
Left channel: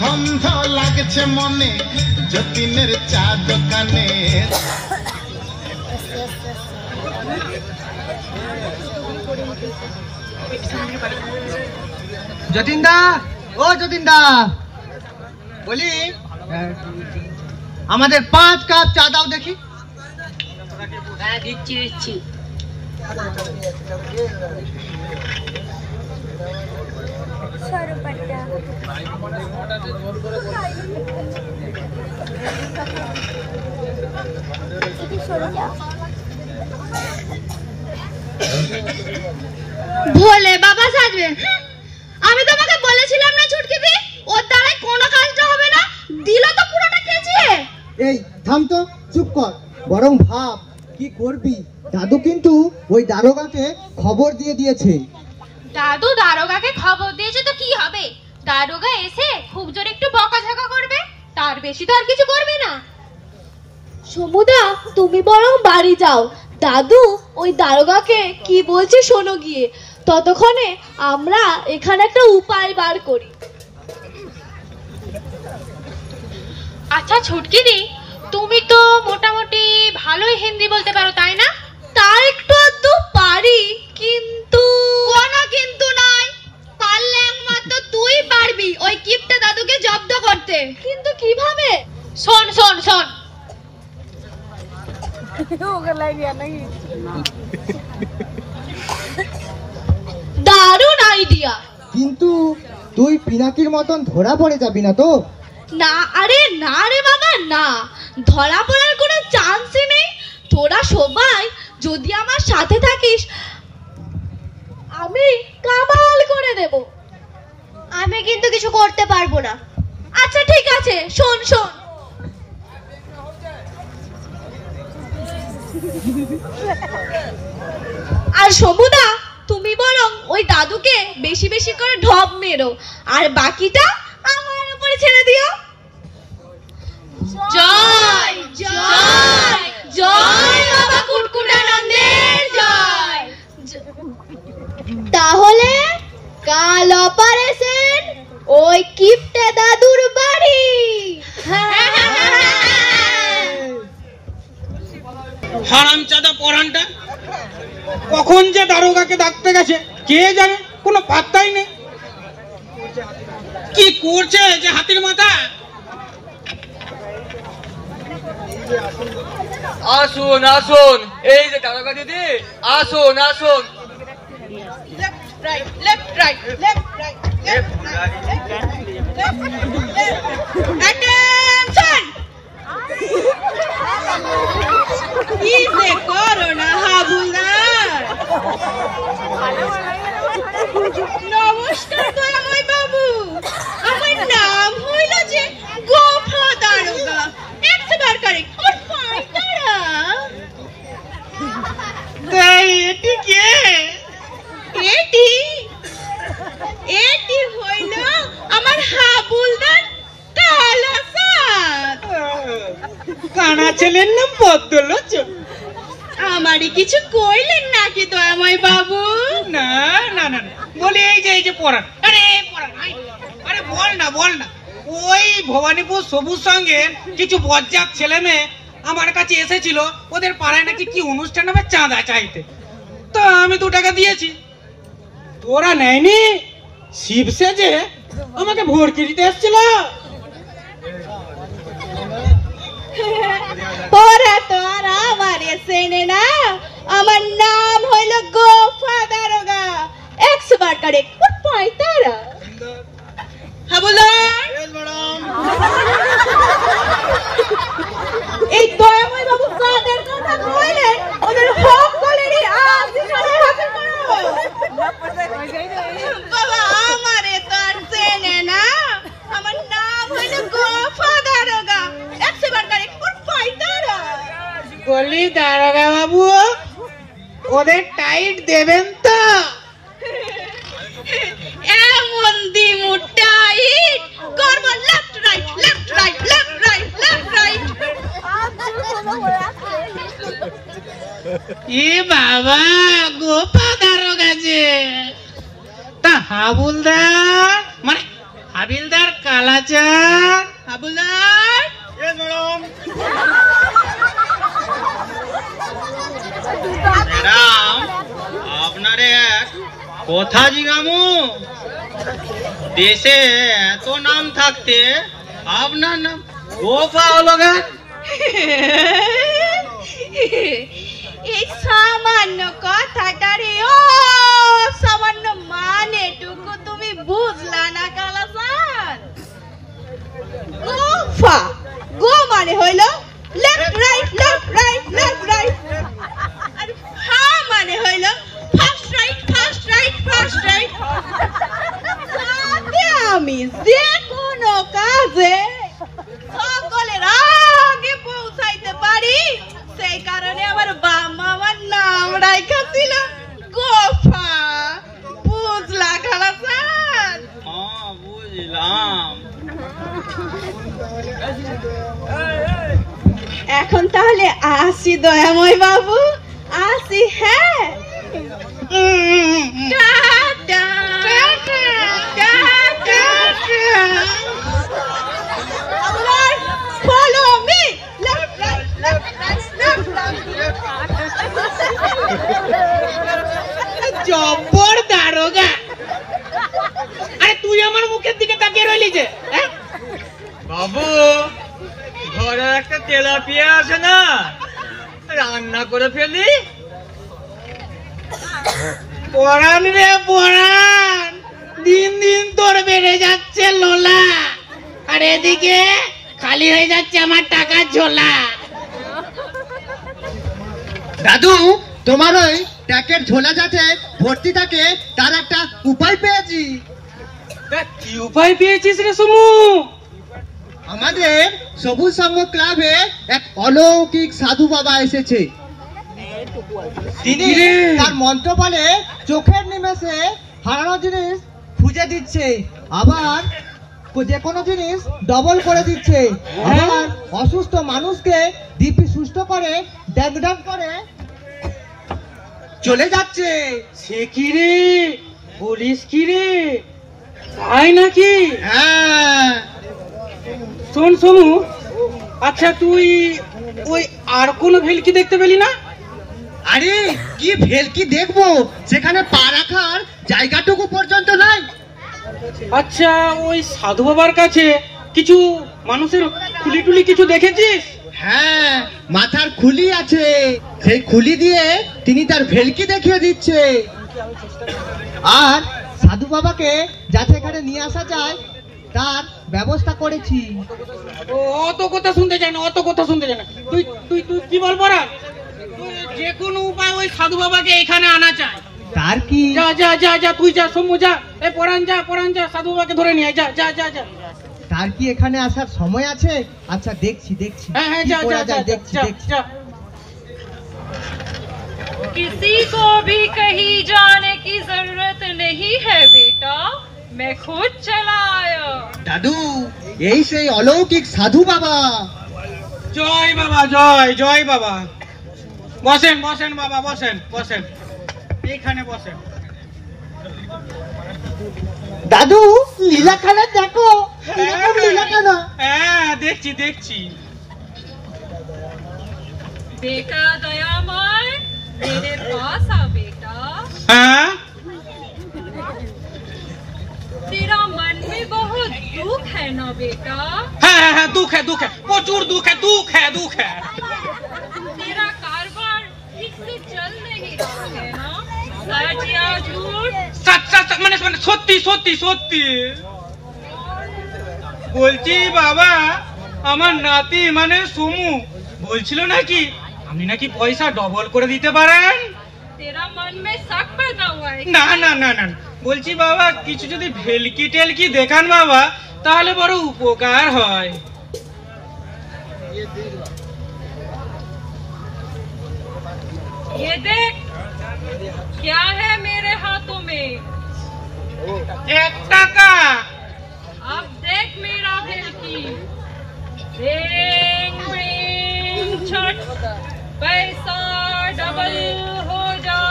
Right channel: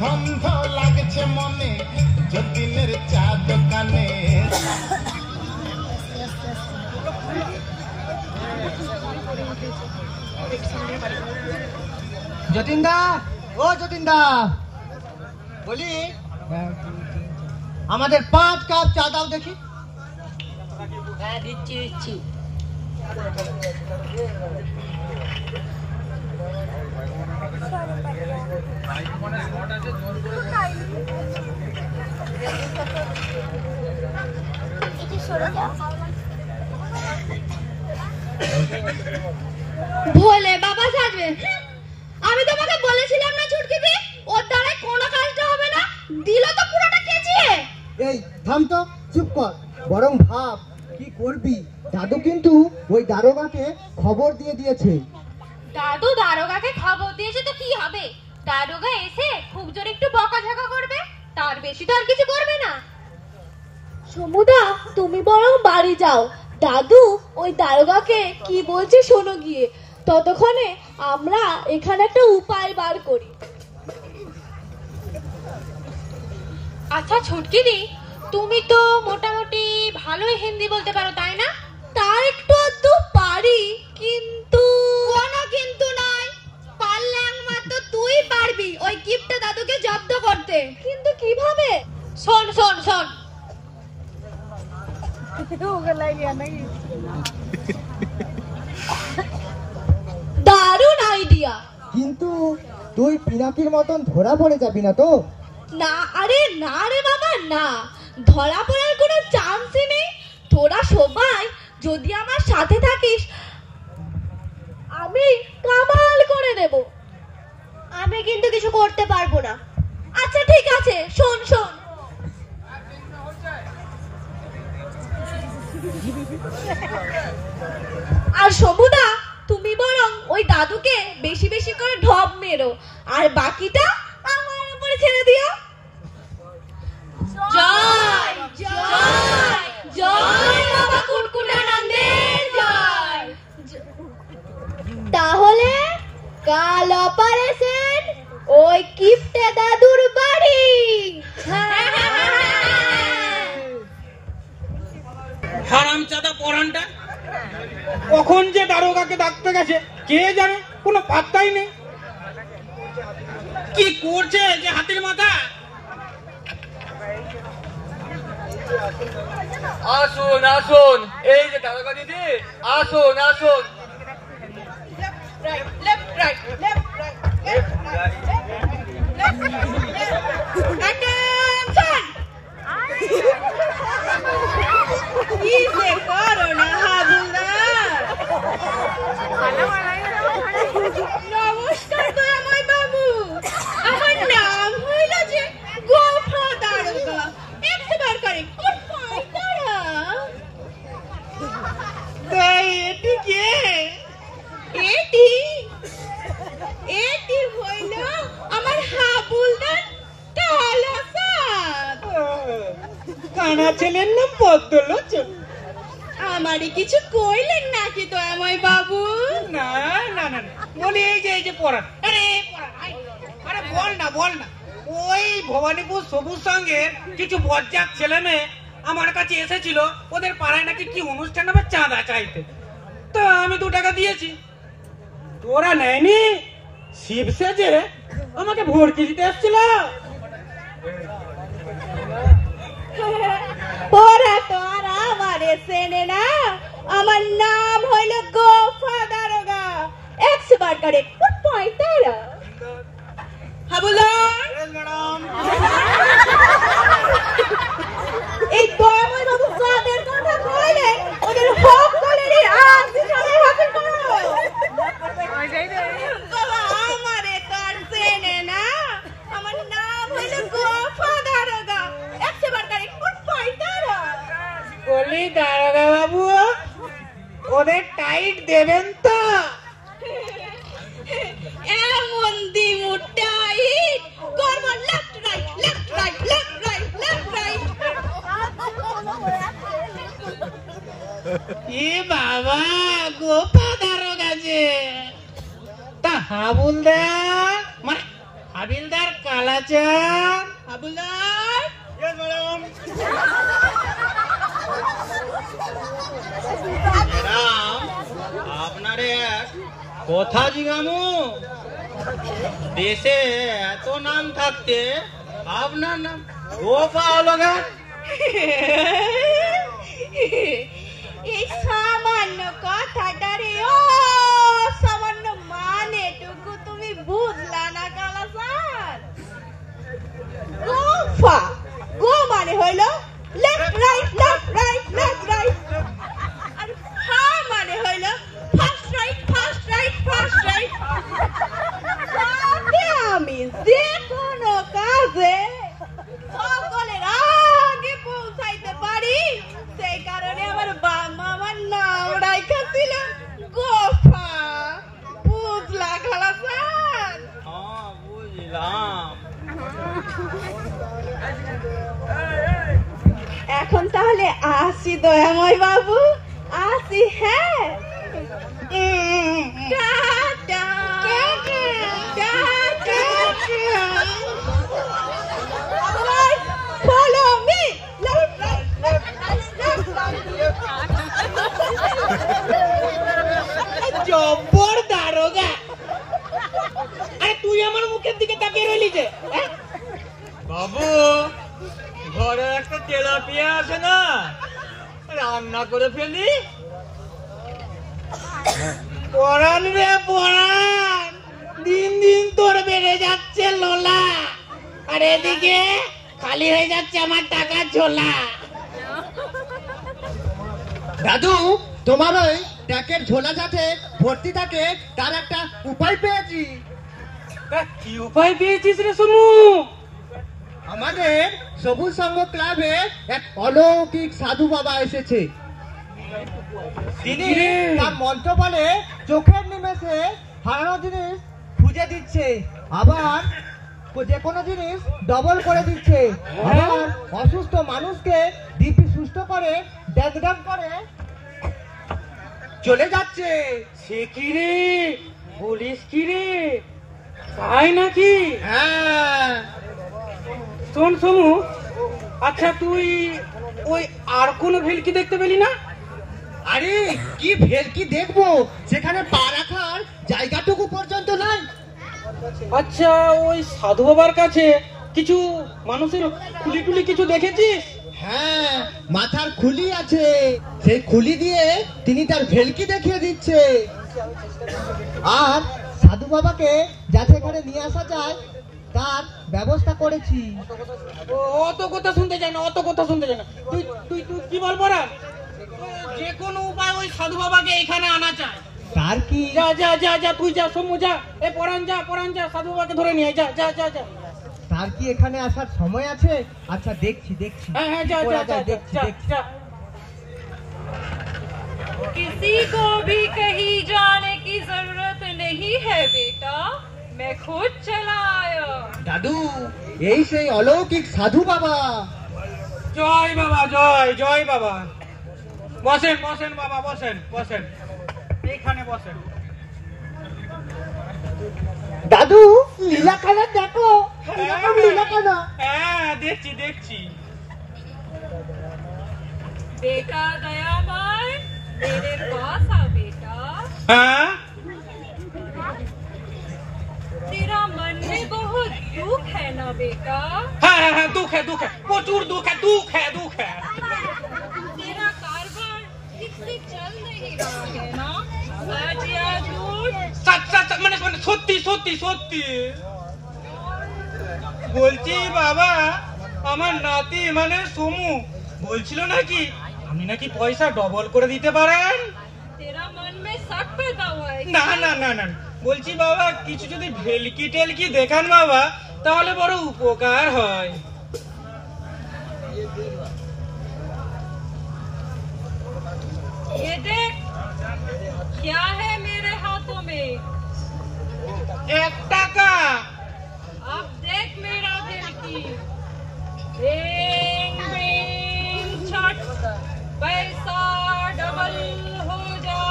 ধন্ধ লাগছে মনে যতীনের চা দোকানে। যতীন দা, ও যতীন দা, বলি আমাদের 5 কাপ চা দাও দেখি। হ্যাঁ, দিচ্ছি দিচ্ছি। ভোলে বাবা সাজবে। আমি তোমাকে বলেছিলাম না ছুটকিদি, ওর দ্বারাই কোনো কাজটা হবে না, দিল তো পুরোটা কেচিয়ে। এই থাম তো, চুপ কর, বরং ভাব কি করবি। দাদু কিন্তু ওই দারোগাকে খবর দিয়ে দিয়েছে। দাদু দারোগাকে খবর দিয়েছে তো কি হবে? দারোগা এসে খুব জোরে একটু বকাঝকা করবে, তার বেশি তো আর কিছু করবে না। সমুদা, তুমি বরং বাড়ি যাও, দাদু ওই দারোগাকে কি বলছে শোনো গিয়ে। ততক্ষণে আমরা এখানে একটা উপায় বার করি। আচ্ছা ছুটকিদি, তুমি তো মোটামুটি ভালোই হিন্দি বলতে পারো, তাই না? তার একটু আধটু পারি, কিন্তু কোনো কিন্তু নয়। পারলে একমাত্র তুই পারবি ওই কিপটা দাদুকে জব্দ করতে। কিন্তু কিভাবে? শোন শোন শোন, দারুণ আইডিয়া। কিন্তু তুই পিনাকির মতন ধরা পড়ে যাবি না তো? না, আরে না রে বাবা, না, ধরা পড়ার কোনো চান্সই নেই। তোরা সবাই যদি আমার সাথে থাকিস, আমি কামাল করে দেব। আমি কিন্তু কিছু করতে পারবো না। আচ্ছা ঠিক আছে, শোন শোন। আর সমুদা, তুমি বরং ওই দাদুকে বেশি বেশি করে ঢপ মেরো, আর বাকিটা আমার উপরে ছেড়ে দিও। জয় জয় জয় বাবা কুটকুটানন্দের জয়। তাহলে কাল অপারেশন ওই কিপটে দাদুর বাড়ি। হারামজাদা পরানটা কখন যে দারোগাকে ডাকতে গেছে কে জানে, কোনো পাত্তাই নেই। কি করছে যে হাতির মাথা? আসুন আসুন, এই যে দারোগা দিদি, আসুন আসুন। Attention! কি যে করো না হাবুলদার। নমস্কার দয়াময় বাবু, আমার নাম হইল যে গোফা দারোগা। একবার কারেক্ট ওর ফাইটারা। এটি কে? এটি এটি হইল আমার হাবুলদার কালাসাদ। কানা ছেলের নাম বদলোচন। আমারই কিছু কইলেন নাকি দয়াময় বাবু? না না না না, বলি এই যে পরান। আরে পরান, আরে বল না বল না। ওই ভবানীপুর সবুজ সঙ্গের কিছু বজ্জাত ছেলে মেয়ে আমার কাছে এসেছিল, ওদের পাড়ায় নাকি কি অনুষ্ঠান হবে চাঁদা চাইতে। তো আমি 2 টাকা দিয়েছি, ওরা নেয়নি। শিব সেজে আমাকে ভর্তি দিতে এসেছিল। পরে তো আর আমারে চেনে না। আমার নাম হইল গোফা দারোগা। 100 বার কারেক্ট ওর ফাইটারা। হাবুলদার, এই দয়াময় বাবু যাদের কথা কইলেন ওদের সকলেরই আজ এখানে হাজির করো। বাবা আমারে তো আর চেনে না। আমার নাম হইল গোফা দারোগা। 100 বার কারেক্ট ওর ফাইটারা। বলি দারোগা বাবু, ওদের টাইট দেবেন তো? এমন দিমু টাইট করব, left right left right left right left right. এ বাবা, গোপা দারোগা যে। তা হাবুলদার মানে হাবিলদার কালাচাঁদ। হাবুলদার, ম্যাডাম, আপনারে এক কথা জিগামু। দেশে এত নাম থাকতে আপনার নাম গোপা হলো কেন? এই সামান্য কথাটারে ও সামান্য মানেটুকু তুমি বুঝলা না কালাসান? গোফা, গো মানে হইল left right left right left right, আর ফা মানে হইল first right first right first right. আমি যে কোনো কাজে সকলের আগে পৌঁছাইতে পারি, সেই কারণে আমার বাবা আমার নাম রাইখা ছিল গোফা। বুঝলা খালাসান? হ্যাঁ বুঝলাম। এখন তাহলে আসি দয়াময় বাবু, আসি। হ্যাঁ, টাটা টাটা টাটা। আমার follow me, left right left right left right। জব্বর দারোগা। আরে তুই আমার মুখের দিকে তাকিয়ে রইলি যে? বাবু, ঘরে একটা তেলাপিয়া আছে না, রান্না করে ফেলি। পরান রে পরান, দিন দিন তোর বেড়ে যাচ্ছে লোলা, আর এদিকে খালি হয়ে যাচ্ছে আমার টাকার ঝোলা। দাদু, তোমার ওই ট্যাকের ঝোলা যাতে ভর্তি থাকে তার একটা উপায় পেয়েছি। কি উপায় পেয়েছিস রে সমু? আমাদের সবুজ সংঘ ক্লাবে এক অলৌকিক সাধু বাবা এসেছে। তিনি তার মন্ত্র বলে চোখের নিমেষে হারানো জিনিস খুঁজে দিচ্ছে, আবার যে কোনো জিনিস ডবল করে দিচ্ছে, আবার অসুস্থ মানুষকে দিব্যি সুস্থ করে ড্যাং করে চলে যাচ্ছে। সে কি রে, বলিস কি রে, তাই নাকি? হ্যাঁ। শোন সমু, আচ্ছা তুই ওই আর কোনো ভেলকি দেখতে পেলি না? আরে কি ভেলকি দেখবো, সেখানে পা রাখার জায়গাটুকু পর্যন্ত নাই। আচ্ছা ওই সাধু বাবার কাছে কিছু মানুষের খুলি টুলি কিছু দেখেছিস? হ্যাঁ, মাথার খুলি আছে, সেই খুলি দিয়ে তিনি তার ভেলকি দেখিয়ে দিচ্ছে। আর সাধু বাবাকে যাতে এখানে নিয়ে আসা যায় তার ব্যবস্থা করেছি। অত কথা শুনতে চাই না, অত কথা শুনতে চাই না। তুই তুই তুই কি বল পড়া, যে কোনো উপায় ওই সাধু বাবাকে এখানে আনা চাই। তার কি? যা যা যা যা, তুই যা সমু যা, এ পরান যা, সাধু বাবাকে ধরে নিয়ে যা যা যা যা। তার কি এখানে আসার সময় আছে? আচ্ছা দেখছি হ্যাঁ কি যা করা যা যায়, যা দেখছি। যা। किसी को भी कहीं जाने की जरूरत नहीं है बेटा, मैं खुद चला आया। দাদু, এই সেই অলৌকিক সাধু বাবা। জয় বাবা, জয় বাবা। বসেন বাবা, বসেন এইখানে বসেন। দাদু, লীলাখানা দেখো, লীলাখানা। হ্যাঁ দেখছি। बेटा दयामय, मेरे पास आ बेटा। হ্যাঁ तेरा मन में बहुत दुख है ना बेटा? হ্যাঁ দুঃখ है, প্রচুর দুঃখ है। तेरा कारोबार ठीक से चल नहीं रहा है ना? सच या झूठ? সচ্চা মানে সত্যি। বলছি বাবা, আমার নাতি মানে সমু বলছিল নাকি আপনি নাকি পয়সা ডবল করে দিতে পারেন। तेरा मन में शक पैदा हुआ है? না, বলছি বাবা কিছু যদি ভেলকি টেলকি দেখান বাবা, তাহলে বড় উপকার হয়। ये देख, क्या है मेरे हाथों में? 1 টাকা। अब देख मेरा भेलकी। रिंग रिंग छट, पैसा डबल हो जा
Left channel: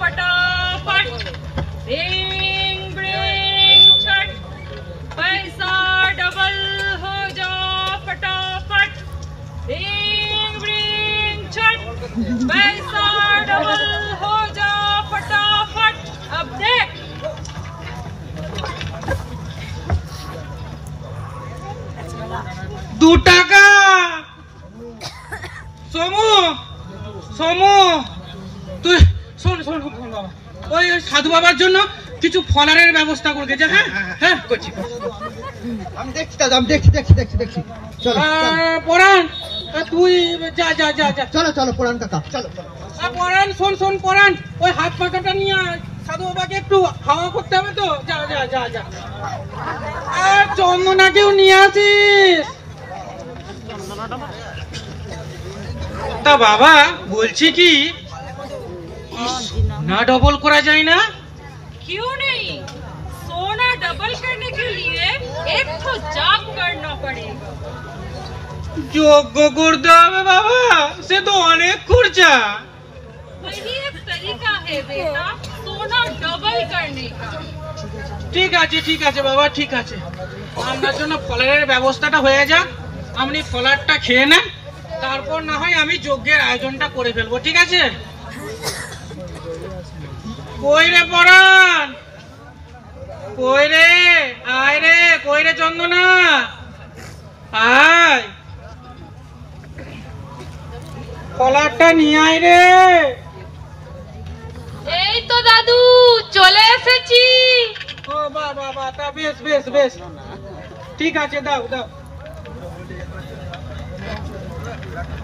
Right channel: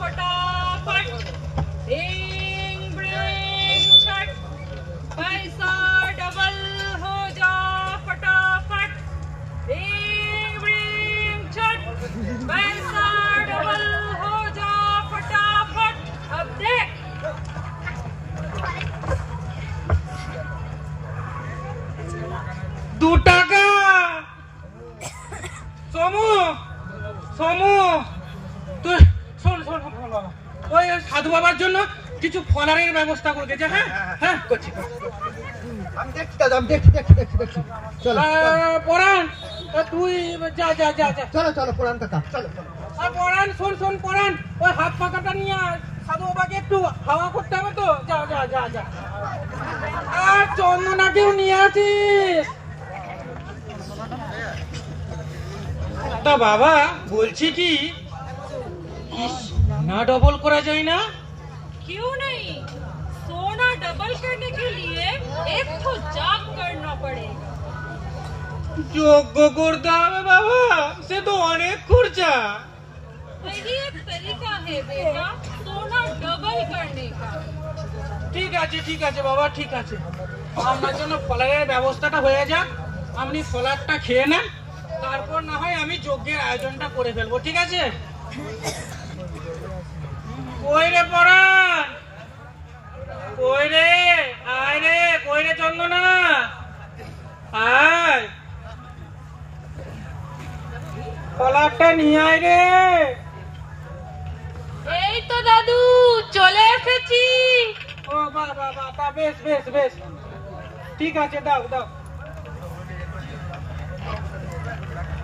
फटाफट। रिंग रिंग छट, पैसा डबल हो जा फटाफट। रिंग रिंग छट, पैसा डबल हो जा फटाफट। अब देख। 2 টাকা। সমু তুই শোন বাবা, ওই সাধু বাবার জন্য কিছু ফলারের ব্যবস্থা করে দে। হ্যাঁ করছি। আমি দেখছি দাদু, আমি দেখছি। চলো পরান, তুই যা। চলো পুরান কাকা, চলো। পরান শোন পরান, ওই হাত পাখাটা নিয়ে সাধু বাবাকে একটু হাওয়া করতে হবে তো। যা। আর চন্দনাকেও নিয়ে আসিস। তা বাবা বলছি কি, না ডবল করা যায় না? क्यों नहीं? सोना डबल करने के लिए एक तो जाप करना पड़ेगा। যোগ্য করতে হবে বাবা, সে তো অনেক খরচা। वही एक तरीका है बेटा, सोना डबल करने का। ঠিক আছে বাবা, ঠিক আছে। আপনার জন্য ফলারের ব্যবস্থাটা হয়ে যাক, আপনি ফলারটা খেয়ে নেন, তারপর না হয় আমি যজ্ঞের আয়োজনটা করে ফেলবো, ঠিক আছে? কই রে পরান, আয় রে চন্দনা, আয়। কলারটা নিয়ে আয় রে। এই তো দাদু চলে এসেছি। ও বাবা বাবা, তা বেশ বেশ বেশ, ঠিক আছে, দাও দাও।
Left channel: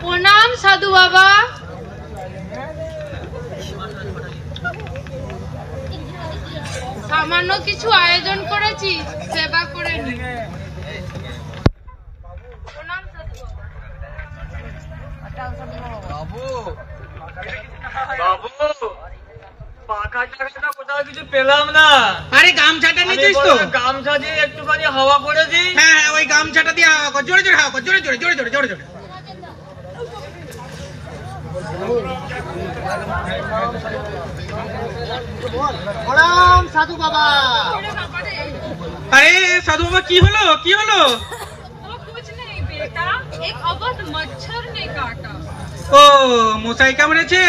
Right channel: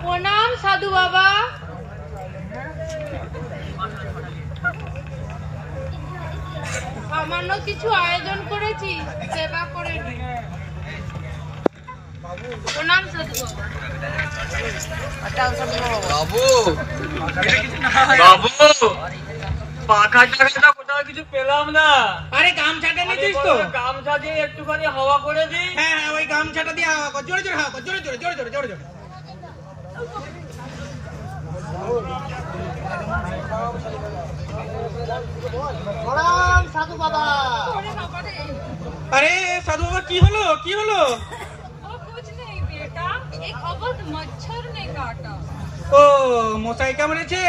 প্রণাম সাধু বাবা। সামান্য কিছু আয়োজন করেছি, সেবা করে নি। প্রণাম সাধু বাবা। বাবু বাবু, পাখা টাকাটা কোথাও কিছু পেলাম না। আরে গামছাটা নিতিস তো? গামছা দিয়ে একটুখানি হাওয়া করে দিই। হ্যাঁ হ্যাঁ, ওই গামছাটা দিয়ে হাওয়া কর, জোরে জোরে হাওয়া কর, জোরে জোরে জোরে জোরে জোরে জোরে। প্রণাম সাধু বাবা। আরে সাধু বাবা, কি হলো কি হলো? कुछ नहीं बेटा, एक अवध मच्छर ने काटा। ও মশাই কামড়েছে?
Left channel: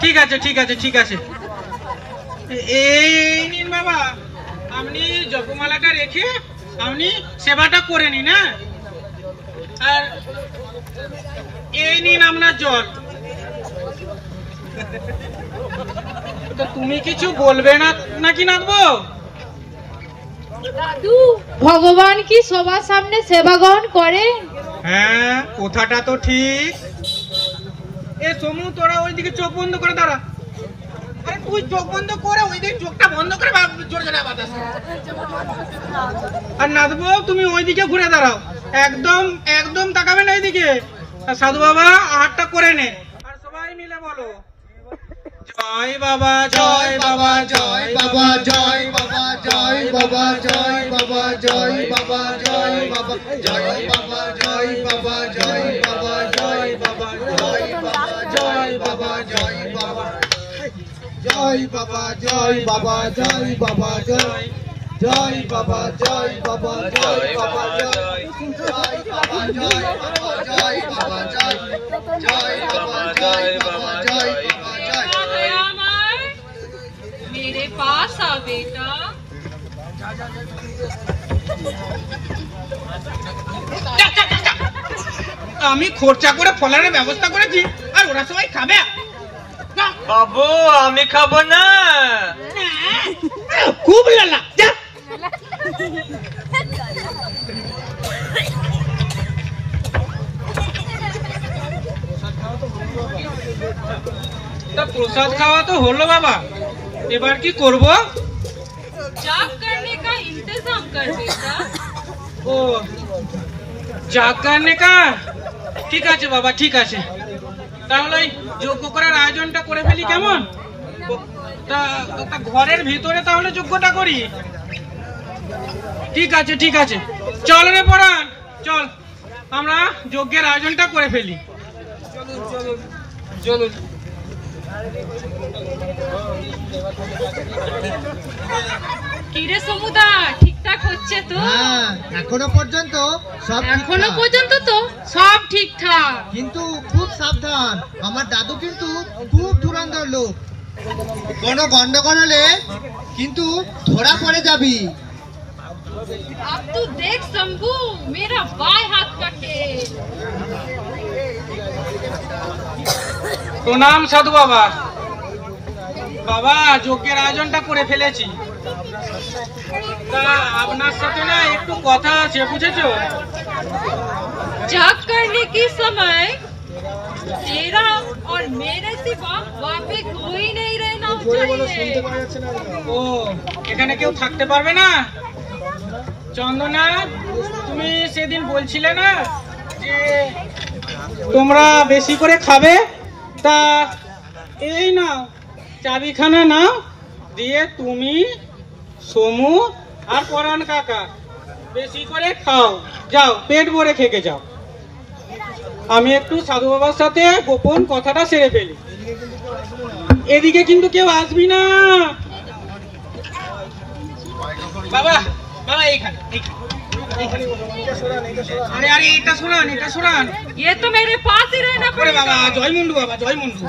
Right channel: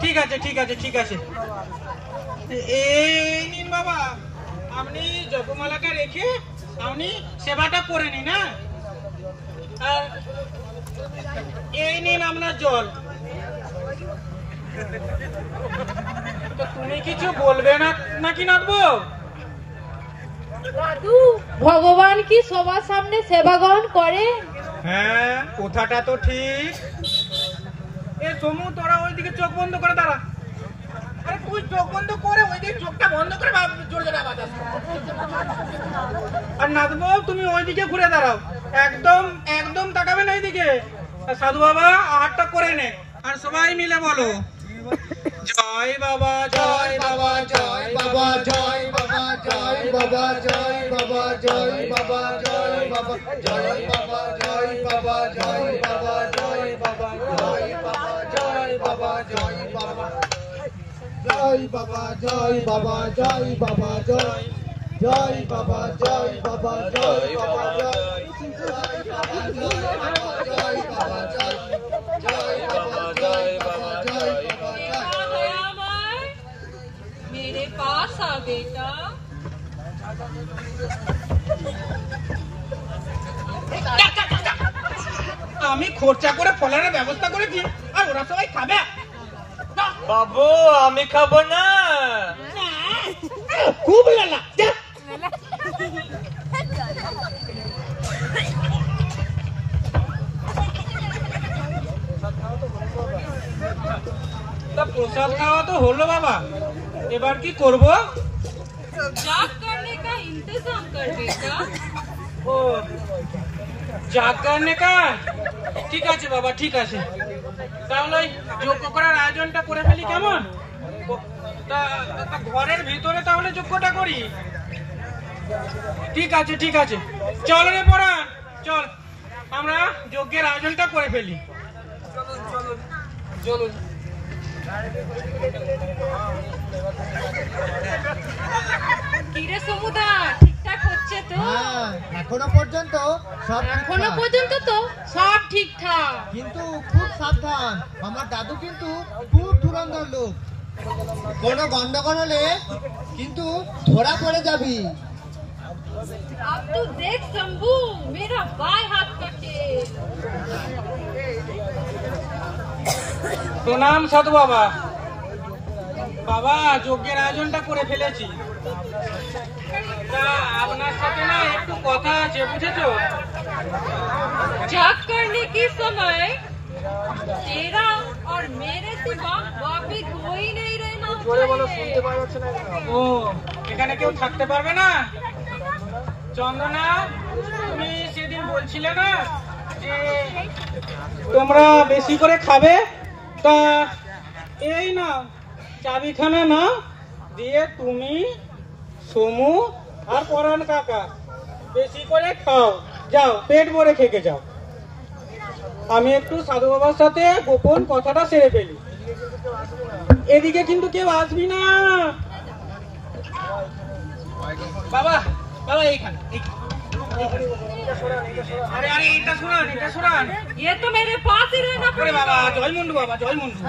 ঠিক আছে ঠিক আছে ঠিক আছে, এই নিন বাবা, আপনি জপমালাটা রেখে আপনি সেবাটা করে নিন। হ্যাঁ, আর এই নিন আপনার জল। তো তুমি কিছু বলবে না নাকি নাথবো? দাদু, ভগবান কি সবার সামনে সেবা গ্রহণ করে? হ্যাঁ, কথাটা তো ঠিক। এ সমু, তোরা ওইদিকে চোখ বন্ধ করে দাঁড়া। আরে তুই চোখ বন্ধ করে ওইদিকে চোখটা বন্ধ করে জোরে জোরে আওয়াজ আসে। আর নাথবো, তুমি ওইদিকে ঘুরে দাঁড়াও, একদম একদম তাকাবে না ওইদিকে। আর সাধু বাবা আহারটা করে নে, আর সবাই মিলে বলো জয় বাবা জয় বাবা জয় বাবা জয় বাবা জয় বাবা জয় বাবা জয় বাবা জয় বাবা জয় বাবা জয় বাবা জয় বাবা জয় বাবা জয় বাবা জয় বাবা জয় বাবা জয় বাবা জয় বাবা জয় বাবা জয় জয় বাবা জয় বাবা জয় বাবা জয় জয় বাবা জয় বাবা জয় বাবা জয় জয় বাবা জয় বাবা জয় বাবা জয়। मेरे पास आ बेटा। আমি খরচা করে ফলারের ব্যবস্থা করেছি, আর ওরা সবাই খাবে। বাবু, আমি খাবো না। খুব লালা, যা। তা প্রসাদ খাওয়া তো হলো বাবা, এবার কি করব? जाग करने का इंतजाम कर बेटा। ও জাগানে কা, ঠিক আছে বাবা, ঠিক আছে। তাহলে ওই যজ্ঞ করার আয়োজনটা করে ফেলি, কেমন? তা ঘরের ভিতরে তাহলে যজ্ঞটা করি। ঠিক আছে ঠিক আছে, চল রে পরাণ, চল আমরা যজ্ঞের আয়োজনটা করে ফেলি। চলুন চলুন চলুন। কিরে সমুদা, ঠিকঠাক হচ্ছে তো? হ্যাঁ, এখনো পর্যন্ত সব এখনো ঠিকঠাক। পর্যন্ত তো সব ঠিকঠাক। কিন্তু খুব সাবধান, আমার দাদু কিন্তু খুব ধুরন্ধর লোক। কোনো গন্ডগোল হলে কিন্তু ধরা পড়ে যাবি। अब तू देख शंभू, मेरा बाएं हाथ का खेल। প্রণাম সাধু বাবা। বাবা, যজ্ঞের আয়োজনটা করে ফেলেছি, তা আপনার সাথে না একটু কথা আছে, বুঝেছো? जाग करने के समय तेरा और मेरे सिवा वहाँ पे कोई नहीं रहना चाहिए। ও, এখানে কেউ থাকতে পারবে না? চন্দনা, তুমি সেদিন বলছিলে না যে তোমরা বেশি করে খাবে, তা এই না চাবিখানা নাও, দিয়ে তুমি সমু আর পরাণ কাকা বেশি করে খাও, যাও পেট ভরে খেকে যাও। আমি একটু সাধু বাবার সাথে গোপন কথাটা সেরে ফেলি। এদিকে কিন্তু কেউ আসবি না। বাবা বাবা, এইখানে এইখানে। আরে আরে, এটা শোনান, এটা শোনান। ये तो मेरे पास ही रहना ওরে पड़ेगा। বাবা, জয় মুন্ডু বাবা, জয় মুন্ডু।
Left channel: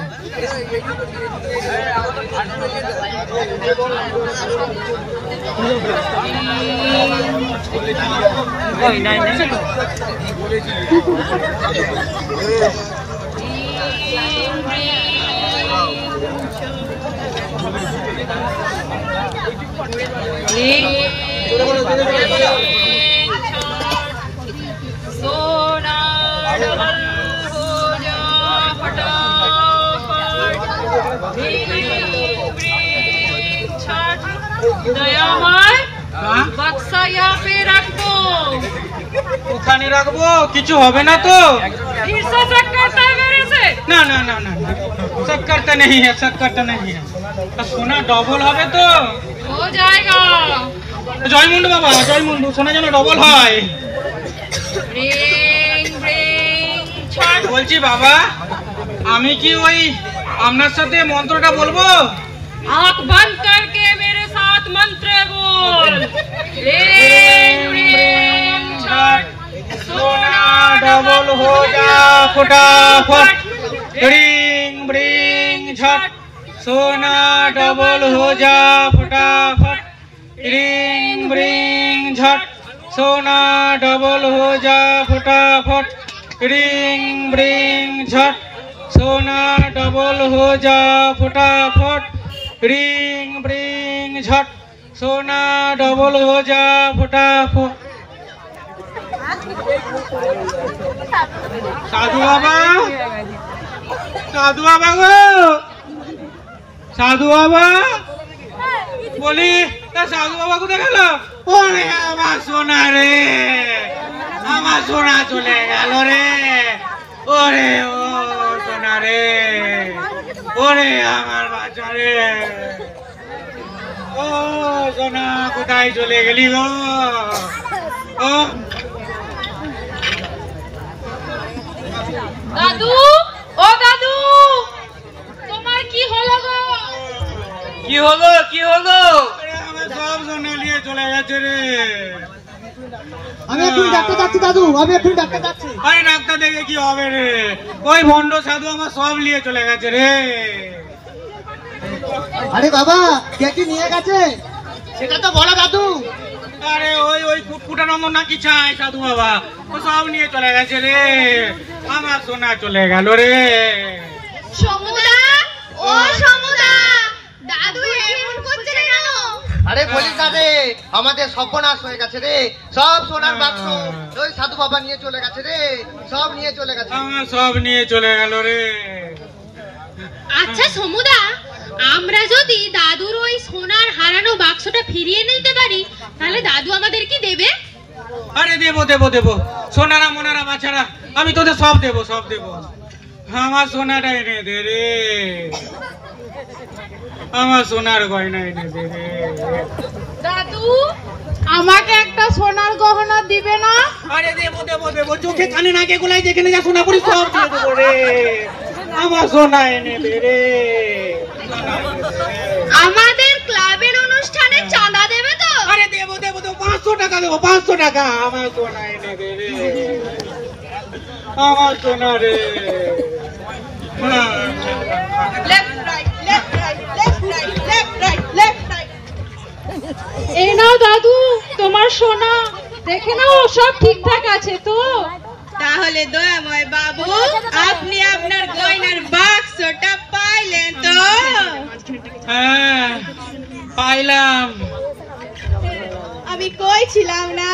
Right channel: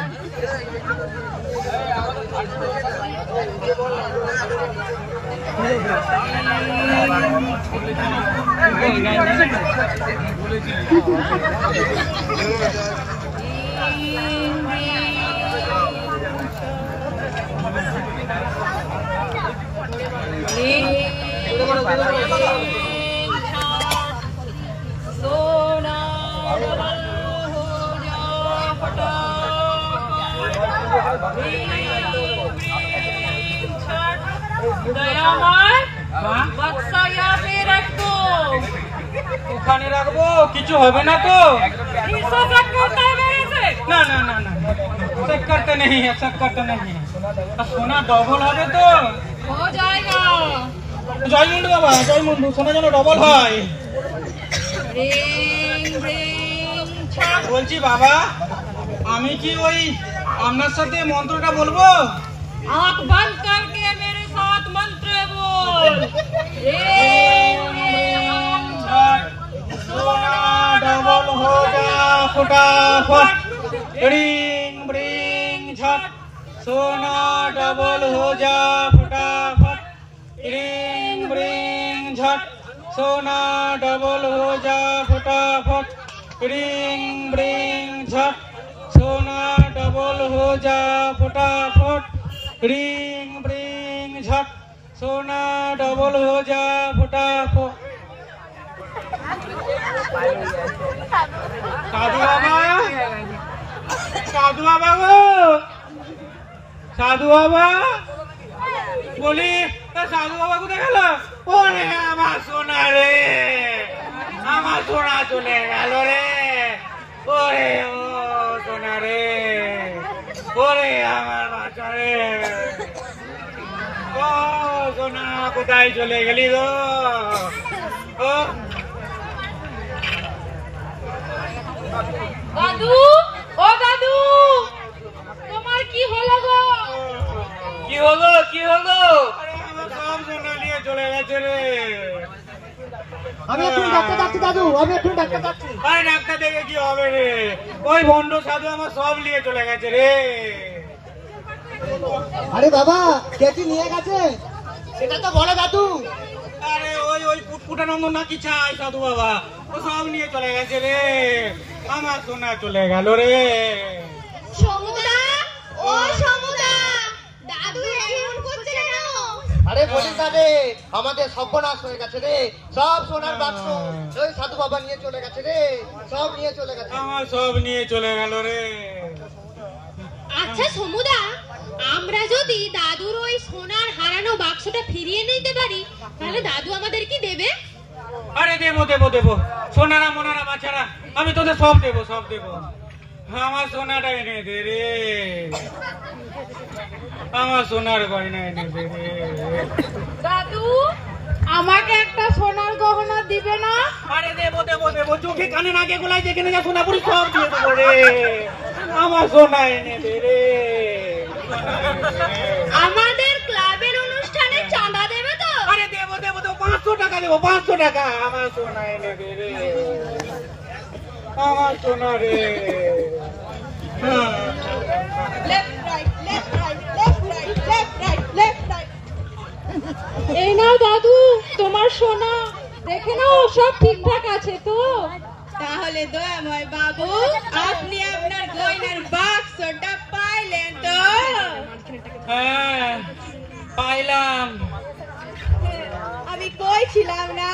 बक्सा यहाँ पे रख दो। ওখানে রাখবো, কিছু হবে না তো? फिर से चेक करता है मेरे से। না না না না, चक्कर तो नहीं है, चक्कर तो नहीं है। সোনা ডবল হবে তো? हो जाएगा। জয় মুন্ডু বাবা, জয় মুন্ডু, সোনা যেন ডবল হয়। रिंग रिंग छट। বলছি বাবা, আমি কি ওই আপনার সাথে মন্ত্রটা বলবো? आँख बंद करके मेरे साथ मंत्र बोल। रिंग रिंग छट। सोना डबल हो जा फटाफट, रिंग रिंग झट। सोना डबल हो जा फटाफट, रिंग रिंग झट। सोना डबल हो जा फटाफट, रिंग रिंग झट। सोना डबल हो जा फटाफट, रिंग रिंग झट। सोना डबल हो जा फटाफट। साधु बाबा, साधु बाबा गो, साधु बाबा বলি, তা সাধু বাবা কোথায় গেল? ওরে আমার সোনা রে, আমার সোনা চলে গেল রে। ওরে ও সোনা রে, ওরে আমার বাচ্চা রে, ও সোনা কোথায় চলে গেলি গো? ও দাদু, ও দাদু, তোমার কি হলো গো? কি হলো, কি হলো? আরে আমার সব সোনা নিয়ে চলে গেছে রে। আমি এখন ডাক্তার যাচ্ছি দাদু, আমি এখন ডাক্তার যাচ্ছি। আরে ডাক্তার দেখে কি হবে রে? ওই ভণ্ড সাধু আমার সব নিয়ে চলে গেছে রে। আরে বাবা, কে কি নিয়ে গেছে সেটা তো বলো দাদু। আরে ওই ওই কুটকুটানন্দ না কি চাই সাধু বাবা, ও সব নিয়ে চলে গেছে রে। আমার সোনা চলে গেল রে। সমুদা, ও সমুদা, দাদু এমন করছে না কেন? আরে বলিস না রে, আমাদের সর্বনাশ হয়ে গেছে রে। সব সোনার বাক্স ওই সাধু বাবা নিয়ে চলে গেছে রে, সব নিয়ে চলে গেছে। আমার সব নিয়ে চলে গেল রে। আচ্ছা সমুদা, আমরা যদি দাদুর ওই সোনার হারানো বাক্সটা ফিরিয়ে নিতে পারি, তাহলে দাদু আমাদের কি দেবে? আরে দেবো দেবো দেবো, সোনারা মোনারা বাছারা, আমি তোদের সব দেবো, সব দেবো। আমার সোনাটা এনে দে রে, আমার সোনার গয়না এনে দে রে। দাদু, আমাকে একটা সোনার গহনা দিবে না? আরে দেবো দেবো দেবো, চোখে কানে নাকে গোলায় যেখানে যা সোনা পড়ি সব দিয়ে দেবো রে। আমার সোনা এনে দে রে। আমাদের ক্লাবের অনুষ্ঠানে চাঁদা দেবে তো? আরে দেবো দেবো দেবো, 500 টাকা দেবো, 500 টাকা। আমার সোনা এনে দে রে, আমার সোনা রে। Left right, left right, left right, left right, left right. এই নাও দাদু তোমার সোনা, দেখে নাও সব ঠিকঠাক আছে তো? তাহলে দয়াময় বাবু, আপনি আপনার গয়নার বাক্সটা পাইলেন তো? হ্যাঁ পাইলাম। আমি কইছিলাম না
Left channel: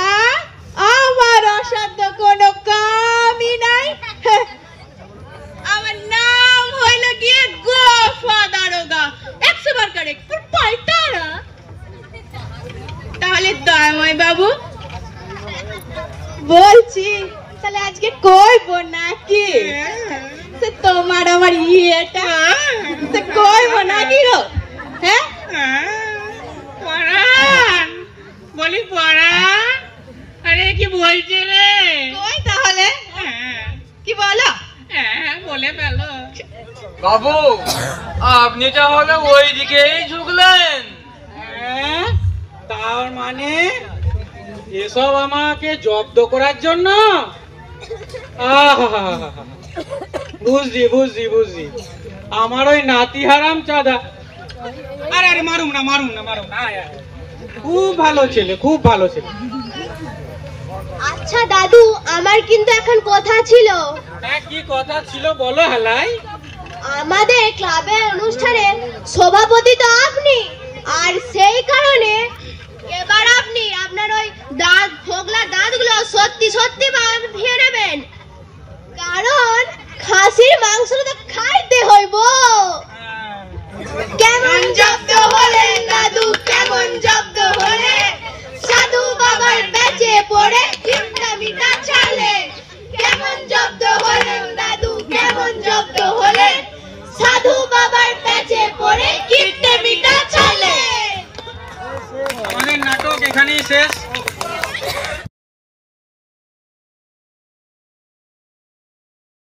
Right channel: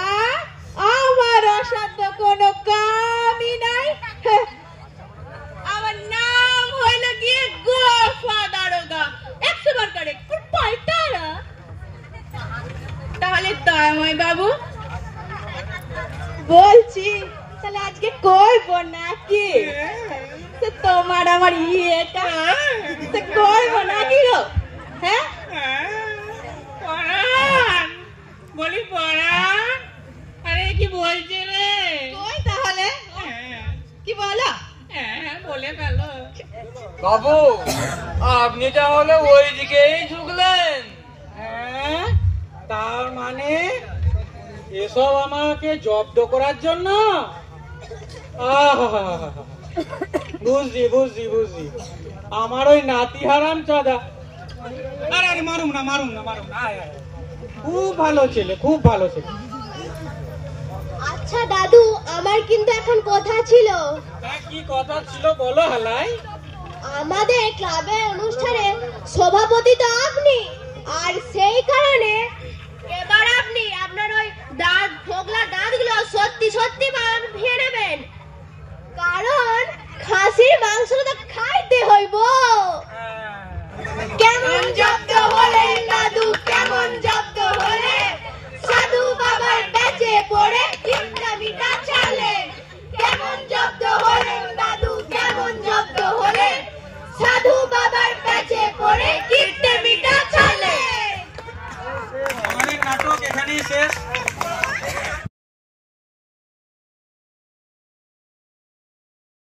আমার অসাধ্য কোনো কামই নাই। আমার নাম হইল গিয়ে গোফা দারোগা, 100 বার কারেক্ট, পাল্টা না। তাহলে দয়াময় বাবু বলছি, তাহলে আজকে কইব নাকি? তোমার আমার ইয়েটা কইব নাকি গো? হ্যাঁ পরান, বলি পরান, আরে কি বলছে রে? কই তাহলে কি বলো? হ্যাঁ বলে ফেলো। বাবু, আপনি তাহলে ওই দিকেই ঝুঁকলেন? হ্যাঁ, তার মানে এসব আমাকে জব্দ করার জন্য? আহা, বুঝছি বুঝছি বুঝছি, আমার ওই নাতি হারাম চাঁদা। আরে আরে মারুম না মারুম না মারুম না, আয়, আয়। খুব ভালো ছেলে, খুব ভালো ছেলে। আচ্ছা দাদু, আমার কিন্তু এখন কথা ছিল। হ্যাঁ কি কথা ছিল বলো হেলাই। আমাদের ক্লাবের অনুষ্ঠানে সভাপতি তো আপনি, আর সেই কারণে এবার আপনি আপনার ওই দাঁত ফোগলা দাঁতগুলো সত্যি সত্যি ভিয়ে নেবেন, কারণ খাসির মাংস তো খাইতে হইব। কেমন জব্দ?